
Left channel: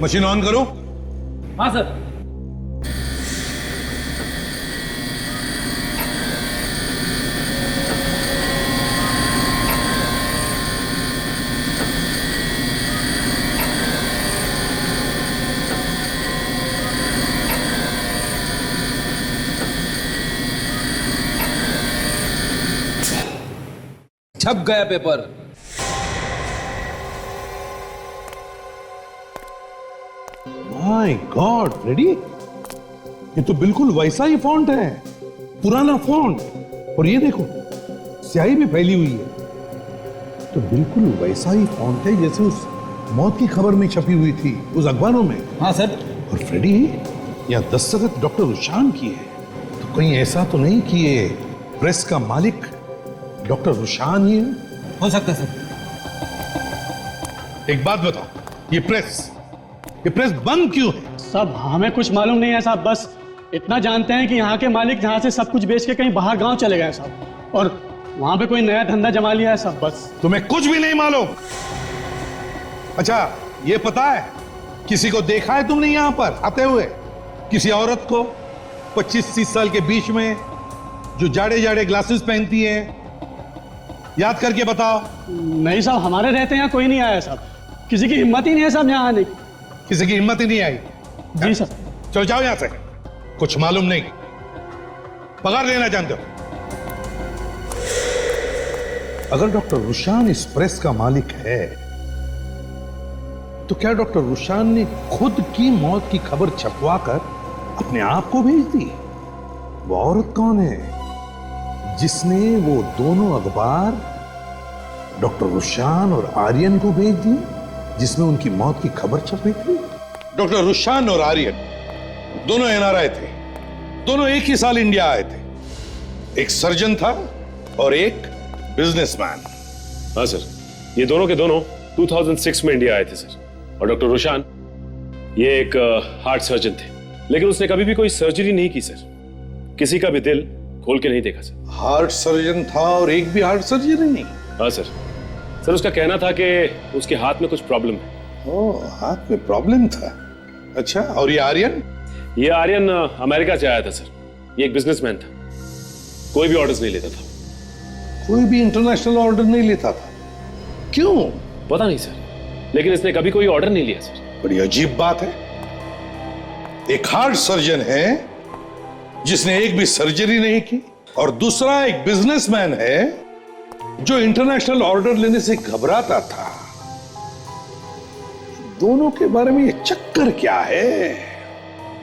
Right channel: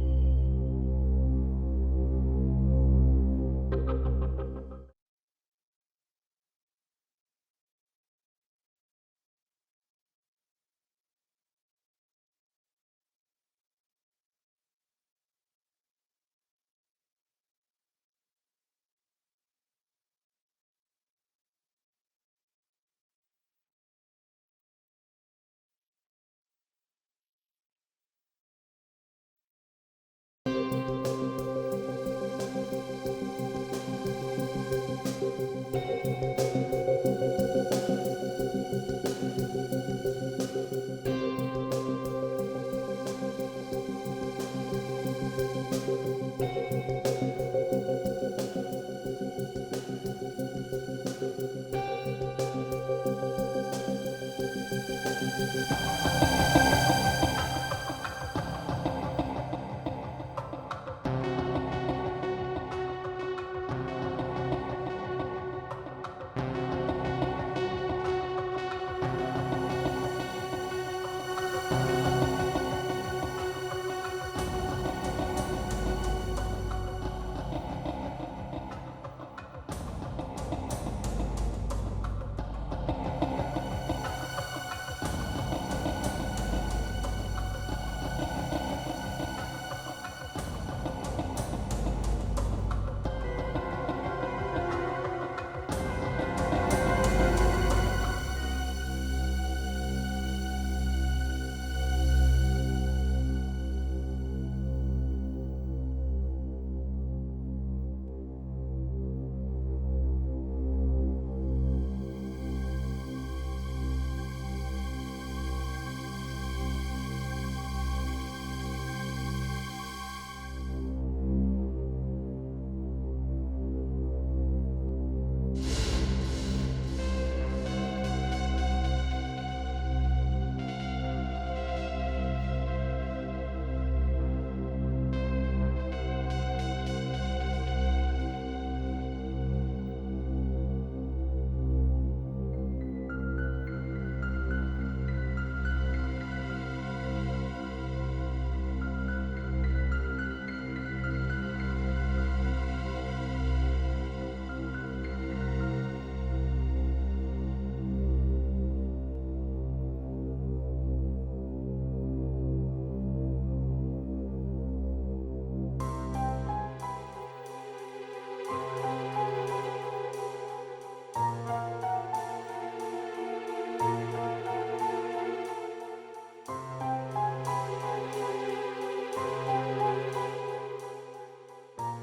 मशीन ऑन करो। हाँ सर। छप गया पेपर। My God, ready? ये तो बिल्कुल वैसा ही फॉन्ट है, पुराना फॉन्ट। और ये देखो, स्याही भी फैली हुई है। तो बिल्कुल वैसा ही फॉन्ट है जैसे उस मौत की खबर में छपी हुई थी उस अखबारों में। हाँ सर। और फ्रेडी, या दस्तखत डॉक्टर रुशान की है, तो कहीं ऐसा तो नहीं कि ये प्रेस का मालिक डॉक्टर रुशान ही है? हो सकता है सर। एक बात बताओ, ये प्रेस बंद क्यों है? साहब हमें कुछ मालूम नहीं है साहब, बस इतना जानते हैं कि यहाँ के मालिक यहाँ से सब कुछ बेच के कहीं बाहर गांव चले गए साहब, और वहां पे कोई नया धंधा जमा लिया है साहब, बस। तुम्हें कुछ भी नहीं मालूम? अच्छा, ये पता है किसी को देखा है तुमने यहाँ पर आते हुए? किसी औरत को 25-30 साल के बीच में जो जाड़े जाड़े ग्लासेस पहनती है? याद करके बताओ। नहीं साहब, हमारे रहते यहाँ कोई नहीं आया साहब, किसी की हिम्मत ही नहीं है साहब यहाँ आने की। किसी की हिम्मत ही नहीं आई? जी सर। चलो जाओ यहां से, कुछ मालूम नहीं, पगार लेना जानते हो। अगर डॉक्टर रुशान इस प्रेस का मालिक है तो क्या डॉक्टर रुशान ने खुद की मौत की खबर छपवाकर अपने आप को भेज दी? वो औरत कौन है जिसने वो दोनों अखबार डॉक्टर रुशान और आर्यन को भेज दी जिसमें उनकी मौत की खबर छपी थी? डॉक्टर रुशान और आर्यन दोनों एनआरआई थे, दोनों एक ही साल इंडिया आए थे। एक सर्जन था और एक बिजनेसमैन। हाँ सर, ये दोनों के दोनों 2006 में इंडिया आए थे सर। और डॉक्टर रुशान ये एक हार्ट सर्जन थे, लेकिन उसने कभी भी कोई सर्जरी नहीं की सर, किसी का भी दिल खोल के नहीं देखा सर। हार्ट सर्जन था और एक भी हार्ट सर्जरी नहीं? हाँ सर, उसका कहना था कि उसके हाथ में कुछ प्रॉब्लम है। ओह, हाथ में प्रॉब्लम था। अच्छा, और ये आर्यन? ये आर्यन अमेरिका से आया था सर। ये एक बिजनेसमैन था, कोई भी ऑर्डर्स नहीं लेता था। कोई भी इंटरनेशनल ऑर्डर नहीं लेता था? क्यों? पता नहीं सर, लेकिन इसने कभी कोई ऑर्डर नहीं लिया सर। बड़ी अजीब बात है। एक हार्ट सर्जन है जिसने एक भी सर्जरी नहीं की, और दूसरा एक बिजनेसमैन है जो इंटरनेशनल ऑर्डर लेने से घबराता था। दोनों के बारे में ये चक्कर क्या है?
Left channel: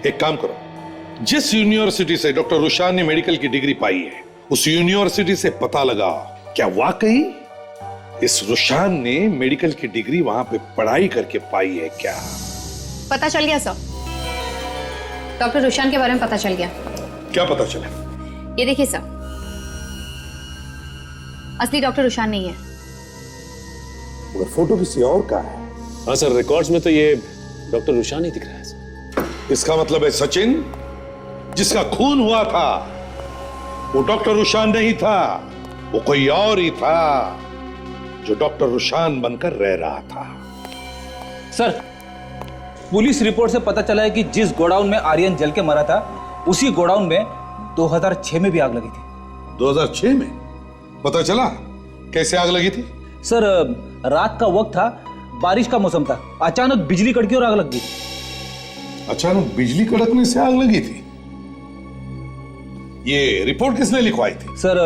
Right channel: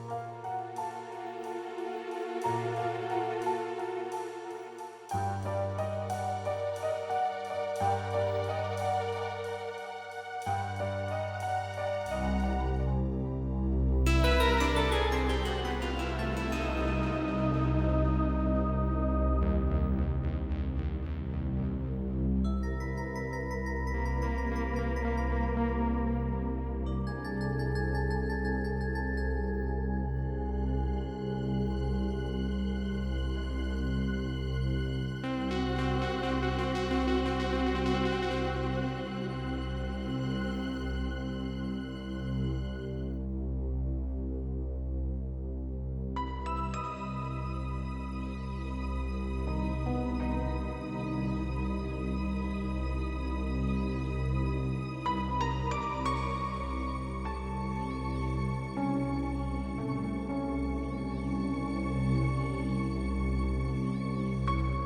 एक काम करो, जिस यूनिवर्सिटी से डॉक्टर रुशान ने मेडिकल की डिग्री पाई है उस यूनिवर्सिटी से पता लगाओ क्या वाकई इस रुशान ने मेडिकल की डिग्री वहां पे पढ़ाई करके पाई है क्या? पता चल गया सर, डॉक्टर रुशान के बारे में पता चल गया। क्या पता चला? ये देखिए सर, असली डॉक्टर रुशान नहीं है। वो फोटो किसी और का है। हाँ सर, रिकॉर्ड्स में तो ये डॉक्टर रुशान ही दिख रहा है सर। इसका मतलब है सचिन जिसका खून हुआ था वो डॉक्टर रुशान नहीं था, वो कोई और ही था जो डॉक्टर रुशान बनकर रह रहा था। सर, पुलिस रिपोर्ट से पता चला है कि जिस गोडाउन में आर्यन जल के मरा था उसी गोडाउन में 2006 में भी आग लगी थी। 2006 में? पता चला कैसे आग लगी थी? सर, रात का वक्त था, बारिश का मौसम था, अचानक बिजली कड़की और आग लग गई। अचानक बिजली कड़कने से आग लगी थी? ये रिपोर्ट किसने लिखवाई थी? सर,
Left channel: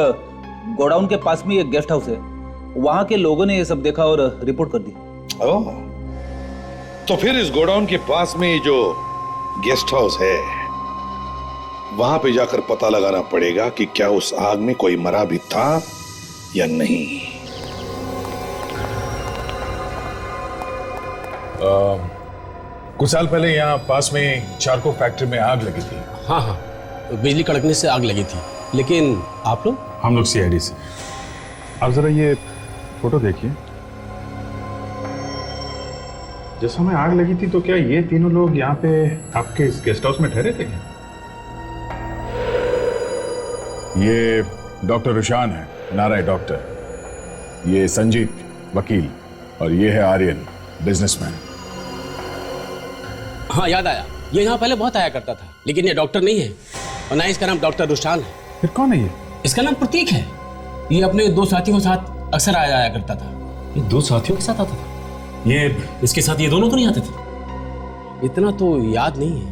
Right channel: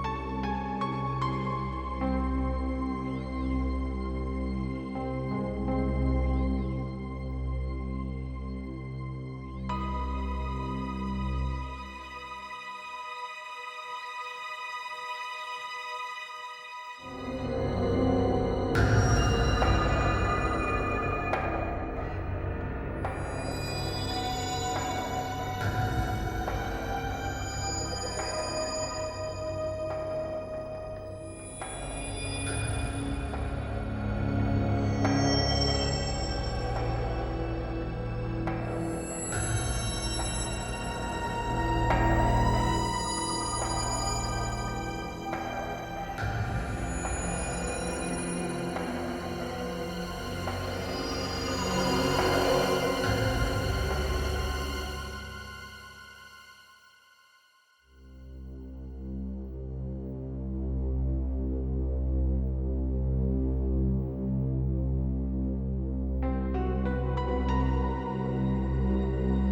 गोडाउन के पास में एक गेस्ट हाउस है, वहां के लोगों ने ये सब देखा और रिपोर्ट कर दी। ओह, तो फिर इस गोडाउन के पास में जो गेस्ट हाउस है वहां पे जाकर पता लगाना पड़ेगा कि क्या उस आग में कोई मरा भी था या नहीं। कुछ साल पहले यहाँ पास में चारकोल फैक्ट्री में आग लगी थी। हाँ हाँ, तो बिजली कड़कने से आग लगी थी। लेकिन आप लोग? हम लोग सीआईडी से। आप जरा ये फोटो देखिए। जिस समय आग लगी थी तो क्या ये तीनों लोग यहाँ पे आपके इस गेस्ट हाउस में ठहरे थे? ये डॉक्टर रुशान है, नाराय डॉक्टर। ये संजीव वकील, और ये है आर्यन बिजनेसमैन। हाँ, याद आया, ये यहाँ पहले बहुत आया करता था, लेकिन ये डॉक्टर नहीं है और ना इसका नाम डॉक्टर रुशान है। फिर कौन है ये? इसका नाम प्रतीक है। ये अपने दो साथियों के साथ अक्सर आया करता था। ये दो साथियों के साथ आता था? ये इसके साथ ये दोनों तो नहीं आते थे? इतना तो याद नहीं है।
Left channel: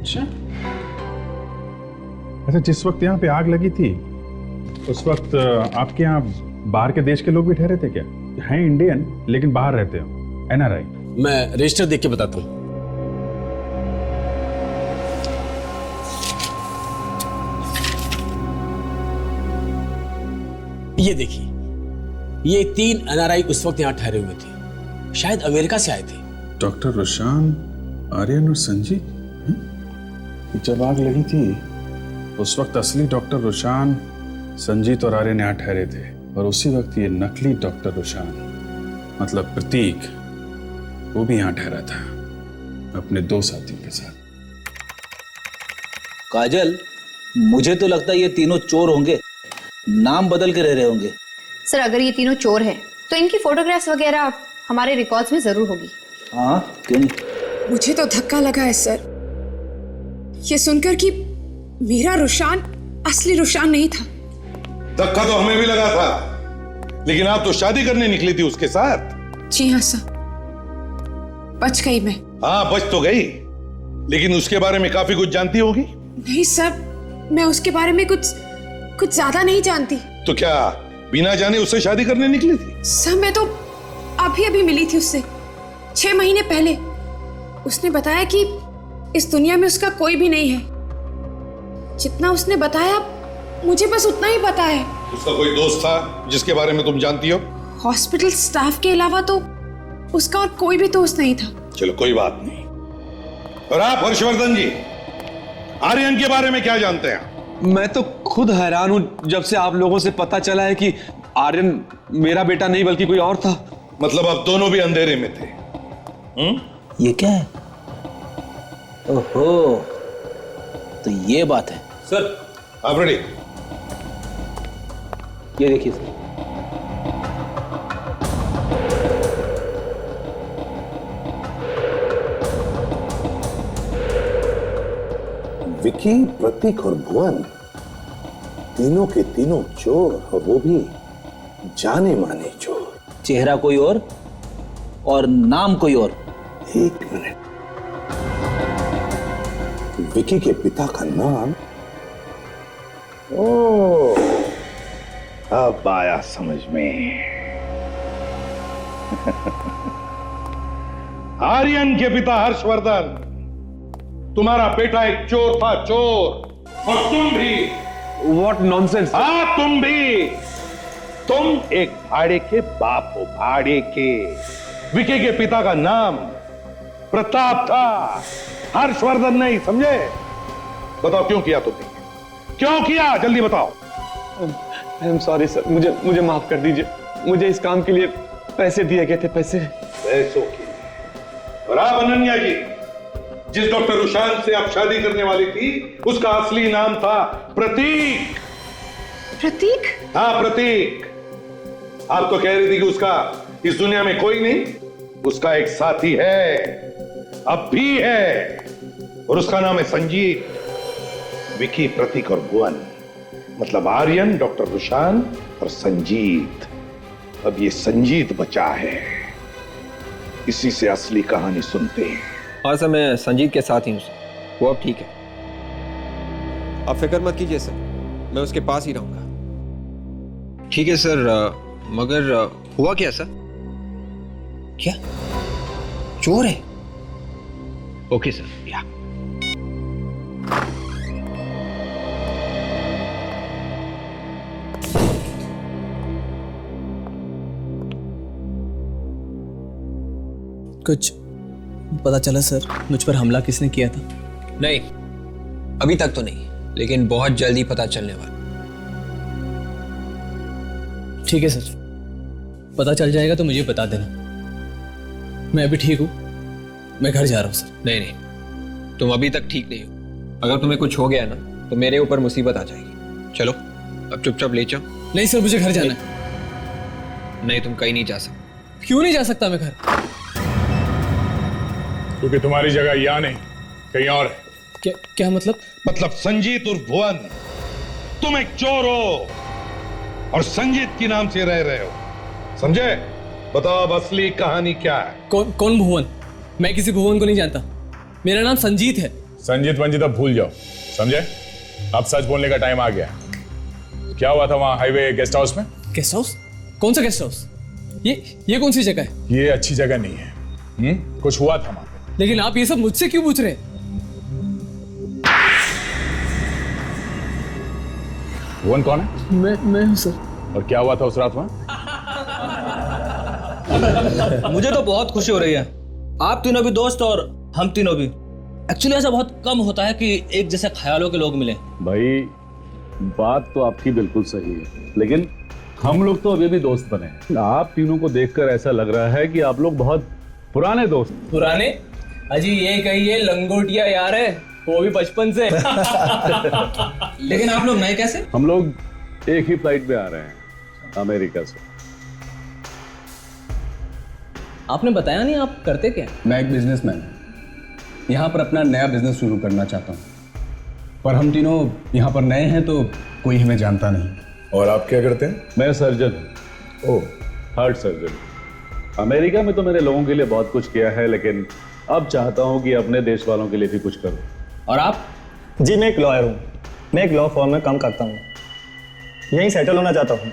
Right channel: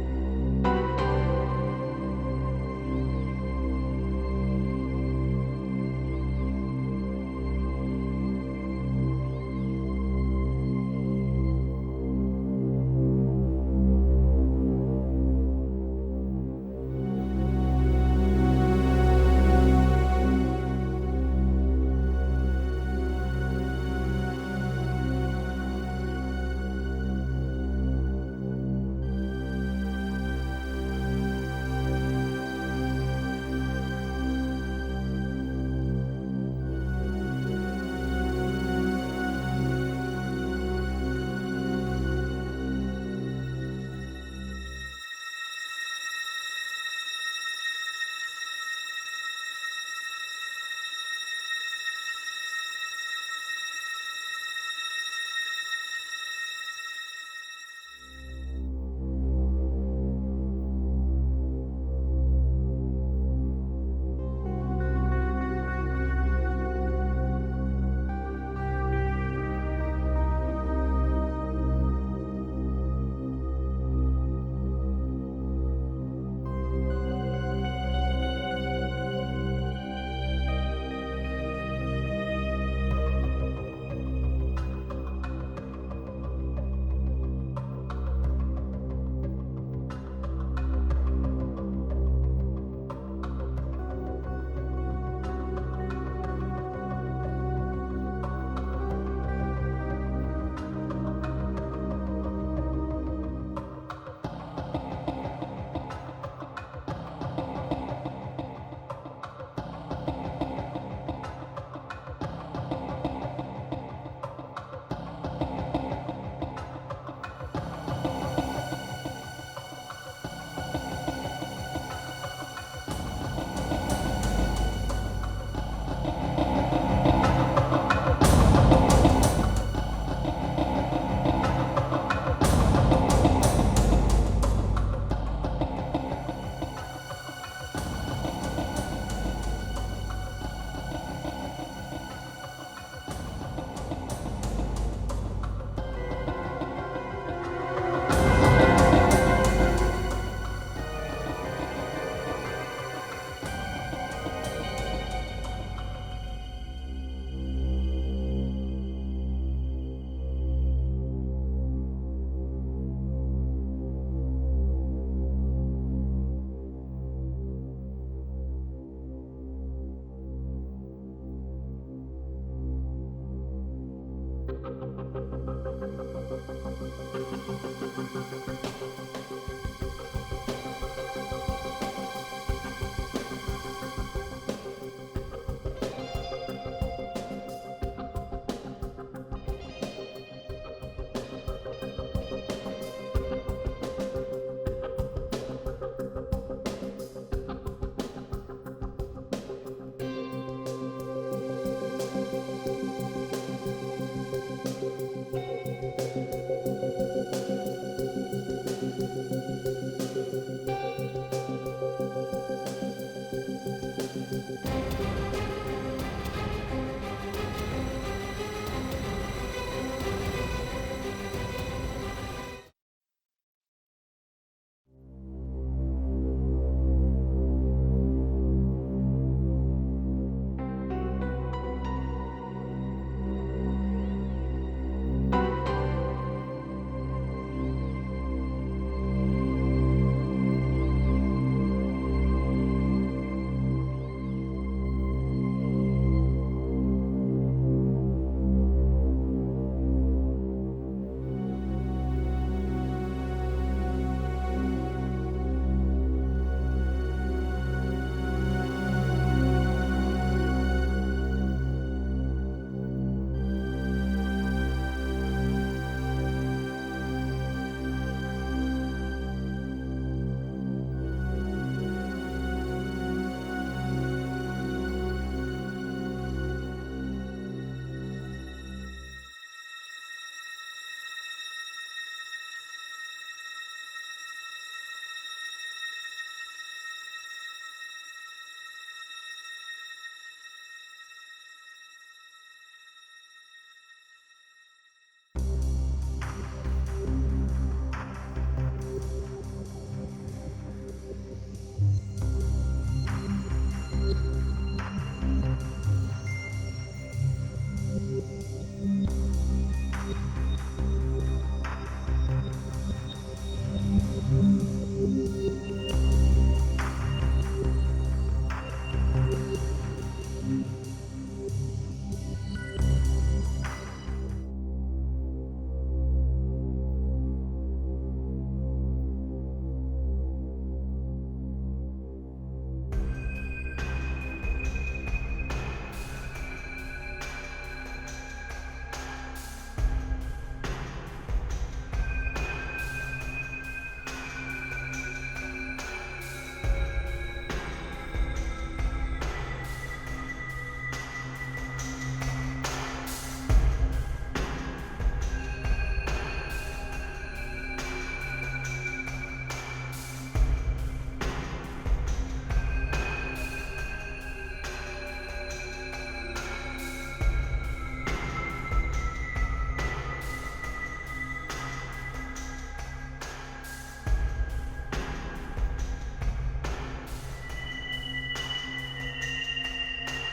अच्छा, जिस वक्त यहाँ पे आग लगी थी उस वक्त आपके यहाँ बाहर के देश के लोग भी ठहरे थे क्या? हैं इंडियन लेकिन बाहर रहते हो, एनआरआई? मैं रजिस्टर देख के बताता हूँ। ये देखिए, ये 3 NRI उस वक्त यहाँ ठहरे हुए थे, शायद अमेरिका से आए थे। डॉक्टर रोशान, आर्यन और संजीत। जब आग लगी थी उस वक्त असली डॉक्टर रोशान, संजीत और आर्यन यहाँ ठहरे थे, और उसी वक्त ये नकली डॉक्टर रोशान, मतलब प्रतीक, वो भी यहाँ ठहरा था अपने 2 साथियों के साथ। काजल, मुझे तो लगता है ये तीनों चोर होंगे, नाम बदल के रह रहे होंगे। सर अगर ये तीनों चोर हैं तो इनकी फोटोग्राफ्स वगैरह हमारे रिकॉर्ड्स में जरूर होगी। हाँ, क्यों नहीं? मुझे तो धक्का लगा है सर, ये सुनकर कि मेरा रुशान असली रुशान नहीं था। धक्का तो हमें भी लगा था, लेकिन आप तो शादी करने निकली थी उसके साथ। जी हाँ सर, बच गई मैं। हाँ, बच तो गई, लेकिन उसके बारे में काफी कुछ जानती होगी। नहीं सर, मैं उसके बारे में कुछ ज्यादा नहीं जानती। तो क्या बिना जाने उससे शादी करने निकली थी? सर मैं तो अभी मिली थी उससे 6 महीने पहले। उसने बताया कि इस दुनिया में उसका कोई भी नहीं है। जितना उसने बताया मुझे बस उतना ही पता है। उसका कोई दोस्त था जिसके बारे में तुम जानती हो? हॉस्पिटल स्टाफ के अलावा तो उसका और कोई भी दोस्त नहीं था। चलो कोई बात नहीं। और आप हर्षवर्धन जी, आर्यन के बारे में क्या जानते हैं? मैं तो खुद हैरान हूं जब से आप लोगों से पता चला है कि आर्यन मेरा बेटा नहीं बल्कि कोई और था। मतलब आप दोनों भी अंधेरे में थे? ये क्या है? ओहो, तो ये बात है। सर आप रेडी? ये देखिए सर। विकी, प्रतीक और भुवन तीनों के तीनों चोर, और वो भी जाने माने चोर। चेहरा कोई और नाम कोई और। 1 मिनट, विकी के पिता का नाम, ओह, अब आया समझ में। आर्यन के पिता हर्षवर्धन, तुम्हारा बेटा एक चोर था, चोर। और तुम भी। What nonsense? हाँ, तुम भी। तुम एक भाड़े के बाप हो, भाड़े के। विकी के पिता का नाम प्रताप था, हर्षवर्धन नहीं, समझे? बताओ क्यों किया तुमने? क्यों किया? जल्दी बताओ। आई एम सॉरी सर, मुझे माफ कर दीजिए। मुझे इस काम के लिए पैसे दिए गए थे, पैसे। पैसों की। और आप अनन्या जी, जिस डॉक्टर रुशान से आप शादी करने वाली थी, उसका असली नाम था प्रतीक। प्रतीक? हाँ, प्रतीक। आप तो कह रही थी कि उसका इस दुनिया में कोई नहीं, उसका एक साथी है, अब भी है, और उसका नाम है संजीत। विकी, प्रतीक और भुवन, मतलब आर्यन, डॉक्टर रुशान और संजीत। अब ये संजीत बचा है, इसी से असली कहानी सुनते हैं। हाँ सर, मैं संजीत के साथ ही हूँ, वो अब ठीक है। आप फिक्र मत कीजिए सर, मैं उसके पास ही रहूंगा। ठीक है सर, मगर हुआ क्या सर? क्या? चोर है? ओके सर, या। कुछ पता चला सर, मुझ पर हमला किसने किया था? नहीं, अभी तक तो नहीं, लेकिन बहुत जल्दी पता चलने वाला। ठीक है सर, पता चल जाएगा तो मुझे बता देना। मैं अभी ठीक हूँ, मैं घर जा रहा हूँ सर। नहीं नहीं, तुम अभी तक ठीक नहीं हो। अगर तुम्हें कुछ हो गया ना तो मेरे ऊपर मुसीबत आ जाएगी। चलो अब चुपचाप ले जाओ। नहीं सर, मुझे घर जाना है। नहीं, तुम कहीं नहीं जा सकते। क्यों नहीं जा सकता मैं घर? क्योंकि तुम्हारी जगह यहाँ नहीं, कहीं और है। क्या मतलब? मतलब संजीत और भुवन, तुम एक चोर हो और संजीत के नाम से रह रहे हो, समझे? बताओ अब असली कहानी क्या है? कौन भुवन? मैं किसी भुवन को नहीं जानता, मेरा नाम संजीत है। संजीत वंजीत अब भूल जाओ, समझे? अब सच बोलने का टाइम आ गया। क्या हुआ था वहां हाईवे गेस्ट हाउस में? Guest house? कौन सा गेस्ट हाउस? ये कौन सी जगह है? ये अच्छी जगह नहीं है। कुछ हुआ था। लेकिन आप ये सब मुझसे क्यों पूछ रहे हैं? भुवन कौन है? मैं हूं सर। और क्या हुआ था उस रात में? मुझे तो बहुत खुशी हो रही है, आप तीनों भी दोस्त और हम तीनों भी। एक्चुअली ऐसा बहुत कम होता है कि एक जैसे ख्यालों के लोग मिले। भाई बात तो आपकी बिल्कुल सही है, लेकिन हम लोग तो अभी भी दोस्त बने। आप तीनों को देखकर ऐसा लग रहा है कि आप लोग बहुत पुराने दोस्त। पुराने? अजी ये कहिए लंगोटिया यार है, वो भी बचपन से। लेकिन आप लोग नए कैसे? हम लोग एक ही फ्लाइट में आ रहे हैं अमेरिका से। आपने बताया नहीं आप करते क्या? मैं एक बिजनेसमैन यहाँ पर अपना नया बिजनेस शुरू करना चाहता हूँ, पर हम तीनों यहाँ पर नए हैं तो कोई हमें जानता नहीं। और आप क्या करते हैं? मैं सर्जन हूँ। ओह, हार्ट सर्जन। अमेरिका में तो मैंने लोगों के लिए बहुत कुछ किया है, लेकिन अब चाहता हूँ कि अपने देश वालों के लिए भी कुछ करूँ। और आप? जी मैं एक लॉयर हूँ, मैं एक लॉ फॉर्म में काम करता हूँ, यहीं सेटल होना चाहता हूँ।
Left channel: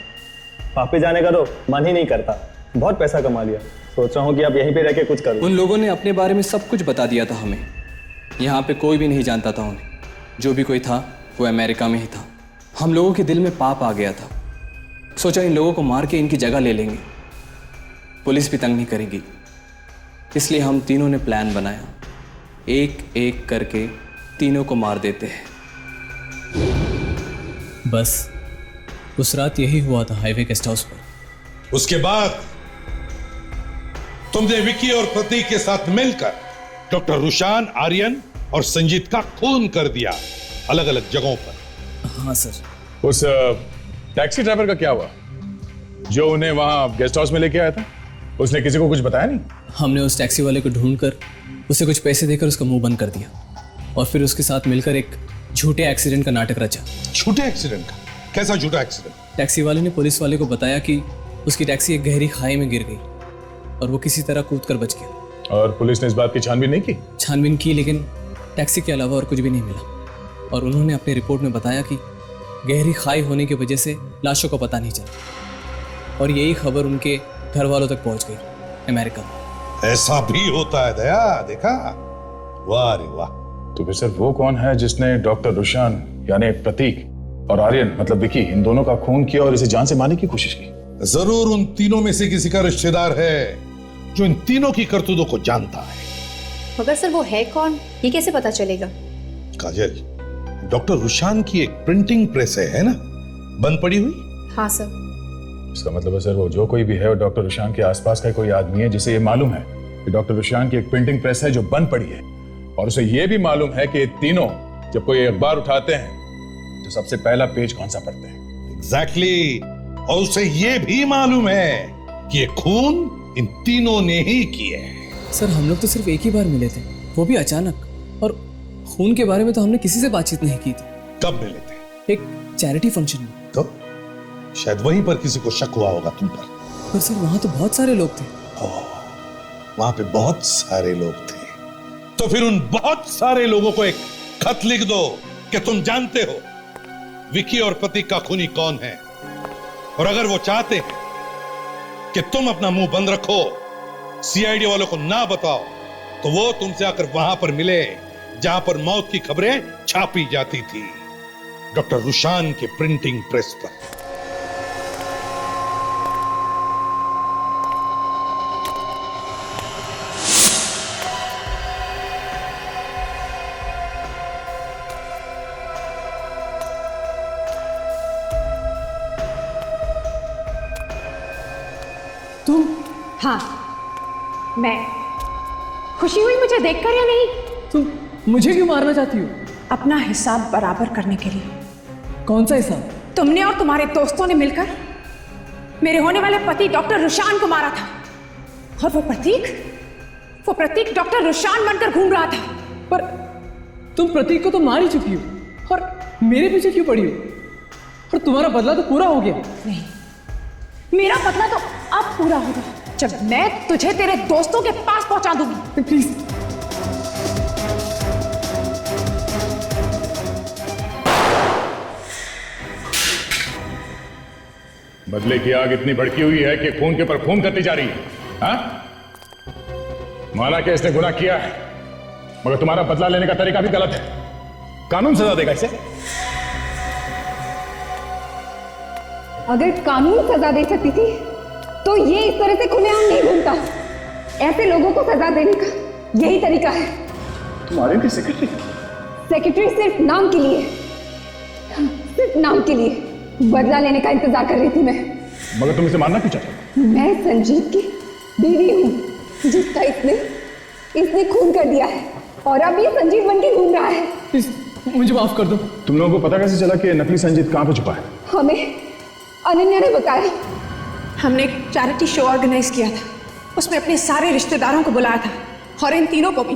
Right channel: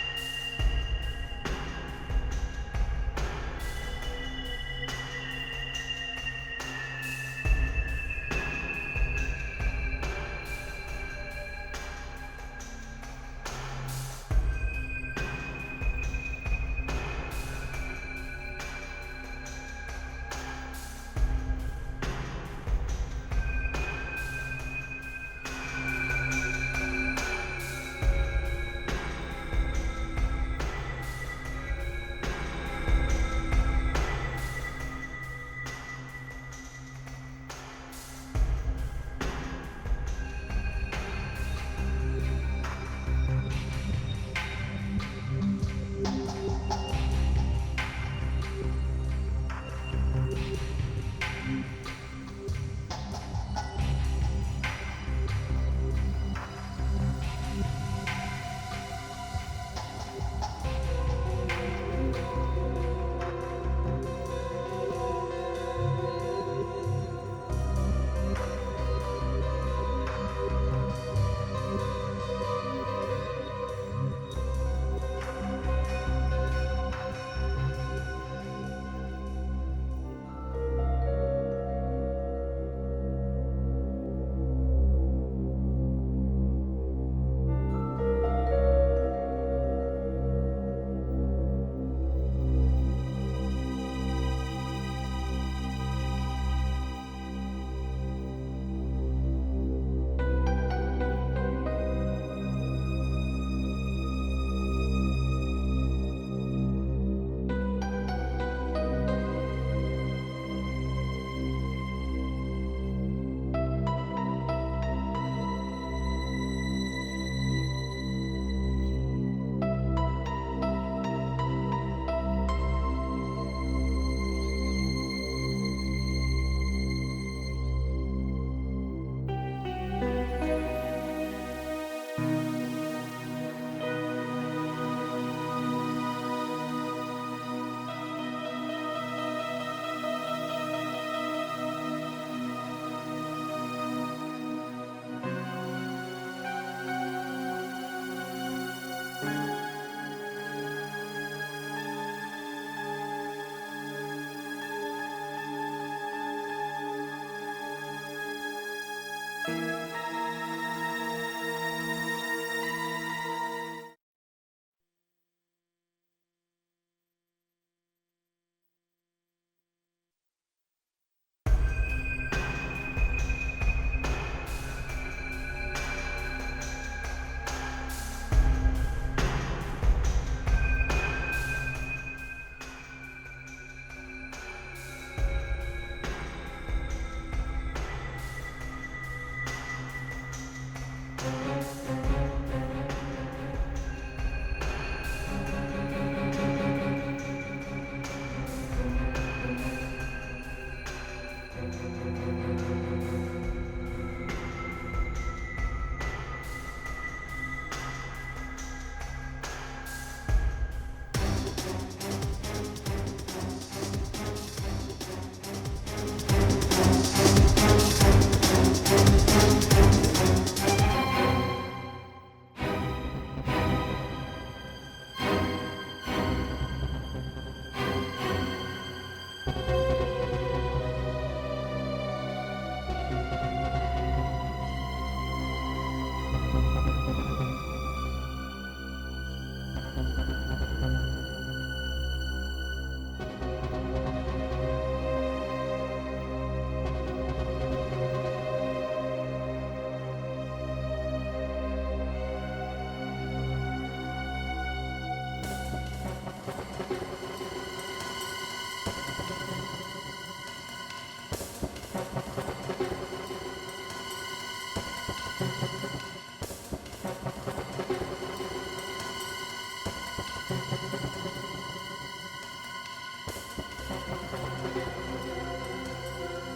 वापस जाने का तो मन ही नहीं करता, बहुत पैसा कमा लिया, सोच रहा हूँ कि अब यहीं पे रह के कुछ करूँ। उन लोगों ने अपने बारे में सब कुछ बता दिया था हमें। यहाँ पे कोई भी नहीं जानता था उन्हें, जो भी कोई था वो अमेरिका में ही था। हम लोगों के दिल में पाप आ गया था, सोचा इन लोगों को मार के इनकी जगह ले लेंगे, पुलिस भी तंग नहीं करेगी। इसलिए हम तीनों ने प्लान बनाया, एक एक करके तीनों को मार देते हैं। बस उस रात यही हुआ था हाईवे गेस्ट हाउस पर। उसके बाद तुमने विकी और प्रतीक के साथ मिलकर डॉक्टर रुशान, आर्यन और संजीत का खून कर दिया अलग अलग जगहों पर। हाँ सर। उस टैक्सी ड्राइवर का क्या हुआ जो उन्हें वहां गेस्ट हाउस में लेके आया था? उसने किसी को कुछ बताया नहीं? हमने उस टैक्सी वाले को ढूंढकर उसे कुछ पैसे देकर उसका मुंह बंद कर दिया और फिर उसके साथ मिलकर एक झूठे एक्सीडेंट का नाटक रचा। झूठे एक्सीडेंट? कैसा झूठा एक्सीडेंट? टैक्सी वाले ने पुलिस वाले को बताया कि उसकी टैक्सी एक गहरी खाई में गिर गई और वो किसी तरह कूदकर बच गया। और पुलिस ने इस बात की छानबीन नहीं की? छानबीन की, लेकिन टैक्सी के अलावा और कुछ भी नहीं मिला। और उन्होंने अपनी रिपोर्ट में बताया कि गहरी खाई होने की वजह से लाशों का पता नहीं चला और यही खबर उनके घर वालों तक पहुंच गई अमेरिका में। ऐसा भी होता है दया, देखा? वाह रे वाह। तो फिर सर वो कौन है जिसने डॉक्टर रुशान यानी प्रतीक और आर्यन मतलब विकी, इन दोनों का खून किया और इसे जान से मारने की कोशिश की? जरूर उन तीनों में से किसी का रिश्तेदार है जो इन तीनों की करतूतों को जानता है। मगर सर वो है कौन, ये कैसे पता चलेगा? काजल, डॉक्टर रुशान की एक प्रिंटिंग प्रेस है ना, बंद पड़ी हुई? हाँ सर। इसका मतलब है सर वो जो कोई भी है वो डॉक्टर रुशान के आसपास का कोई आदमी है जिसे ये मालूम है कि डॉक्टर रुशान की एक प्रिंटिंग प्रेस है जो बंद पड़ी है, और उसे ये भी मालूम है कि तीनों जब कोई अखबार उठाते हैं तो सबसे पहला पेज कौन सा पढ़ते हैं। एग्जैक्टली। और उसे ये भी मालूम है कि ये खून इन तीनों ने ही किए हैं। सर हम लोग तो सिर्फ एक ही बार मिले थे, वो भी अचानक, और खून के बारे में तो हमने किसी से बातचीत नहीं की थी। कब मिले थे? एक चैरिटी फंक्शन में। तो शायद वहीं पर किसी को शक हुआ होगा तुम पर। पर सर वहां तो बहुत सारे लोग थे। वहां पे बहुत सारे लोग थे, तो फिर उन बहुत सारे लोगों को एक खत लिख दो कि तुम जानते हो विकी और प्रतीक का खूनी कौन है, और अगर वो चाहते हैं कि तुम अपना मुंह बंद रखो, सीआईडी वालों को ना बताओ, तो वो तुमसे आकर वहां पर मिले जहां पर मौत की खबरें छापी जाती थी, डॉक्टर रुशान के प्रिंटिंग प्रेस पर। तुम? हाँ मैं। खुशी हुई मुझे देखकर या नहीं? तुम मुझे क्यों मारना चाहती हो? अपना हिसाब बराबर करने के लिए। कौन सा हिसाब? तुमने और तुम्हारे दोस्तों ने मिलकर मेरे होने वाले पति डॉक्टर रुशान को मारा था, और वो प्रतीक डॉक्टर रुशान बनकर घूम रहा था। पर तुम प्रतीक को तो मार ही चुकी हो, और मेरे पीछे क्यों पड़ी हो? और तुम्हारा बदला तो पूरा हो गया। नहीं, मेरा बदला तो अब पूरा होगा जब मैं तुझे तेरे दोस्तों के पास पहुंचा दूंगी। प्लीज। बदले की आग इतनी भड़की हुई है कि खून के पर खून करती जा रही है। हाँ? माना कि इसने गुनाह किया है, मगर तुम्हारा बदला लेने का तरीका भी गलत है। कानून सजा देगा इसे। अगर कानून सजा दे सकती थी तो ये इस तरह से खुलेआम नहीं घूमता। ऐसे लोगों को सजा देने का यही तरीका है। तुम्हारे की सेक्रेटरी? सेक्रेटरी सिर्फ नाम के लिए, सिर्फ नाम के लिए बदला लेने का इंतजार कर रही थी मैं। मगर तुम इसे मारना क्यों चाहते? मैं संजीत की बीवी हूँ जिसका इसने खून कर दिया है और अब ये संजीत बन के घूम रहा है। मुझे माफ कर दो। तुम लोगों को पता कैसे चला कि नकली संजीत कहाँ पे छुपा है? हमें अनन्या ने बताया। हमने एक चैरिटी शो ऑर्गेनाइज किया था, उसमें अपने सारे रिश्तेदारों को बुलाया था और इन तीनों को भी।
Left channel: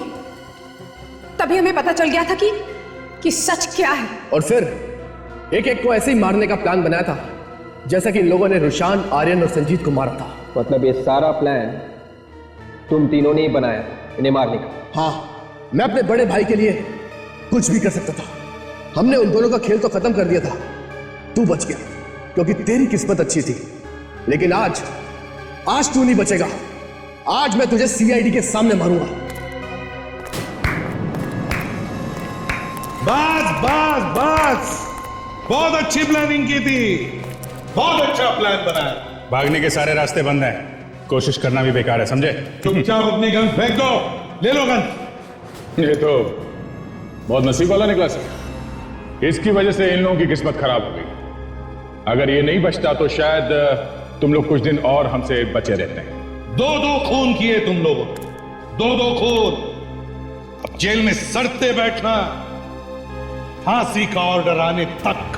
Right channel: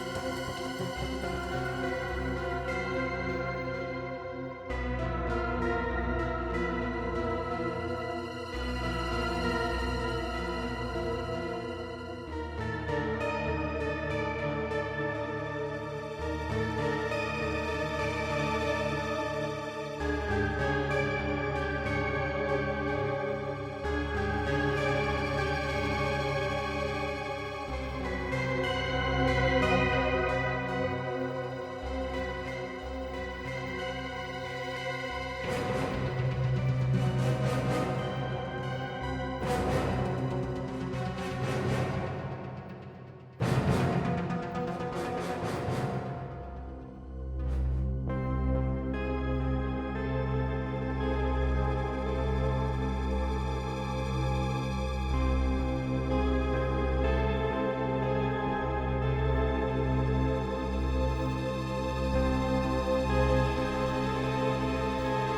तभी हमें पता चल गया था कि सच क्या है। और फिर एक एक को ऐसे ही मारने का प्लान बनाया था जैसा कि इन लोगों ने रुशान, आर्यन और संजीत को मारा था। मतलब ये सारा प्लान तुम तीनों ने ही बनाया इन्हें मारने का? हाँ, मैं अपने बड़े भाई के लिए कुछ भी कर सकता था। हमने उन दोनों का खेल तो खत्म कर दिया था, तू बच गया क्योंकि तेरी किस्मत अच्छी थी। लेकिन आज तू नहीं बचेगा। आज मैं तुझे सीआईडी के सामने मारूंगा। बस बहुत अच्छी प्लानिंग की थी, बहुत अच्छा प्लान बनाया। भागने के सारे रास्ते बंद हैं, कोशिश करना भी बेकार है, समझे? चुपचाप अपनी गन फेंक दो, ले लो गन। ये तो बहुत नसीब वाला निकला सर। इसकी वजह से इन लोगों की किस्मत खराब हो गई। अगर ये नहीं बचता तो शायद तुम लोग कुछ दिन और हमसे बचे रहते। दो खून किए तुम लोगों, दो खून। अब जेल में सड़ते बैठना, फांसी का ऑर्डर आने तक।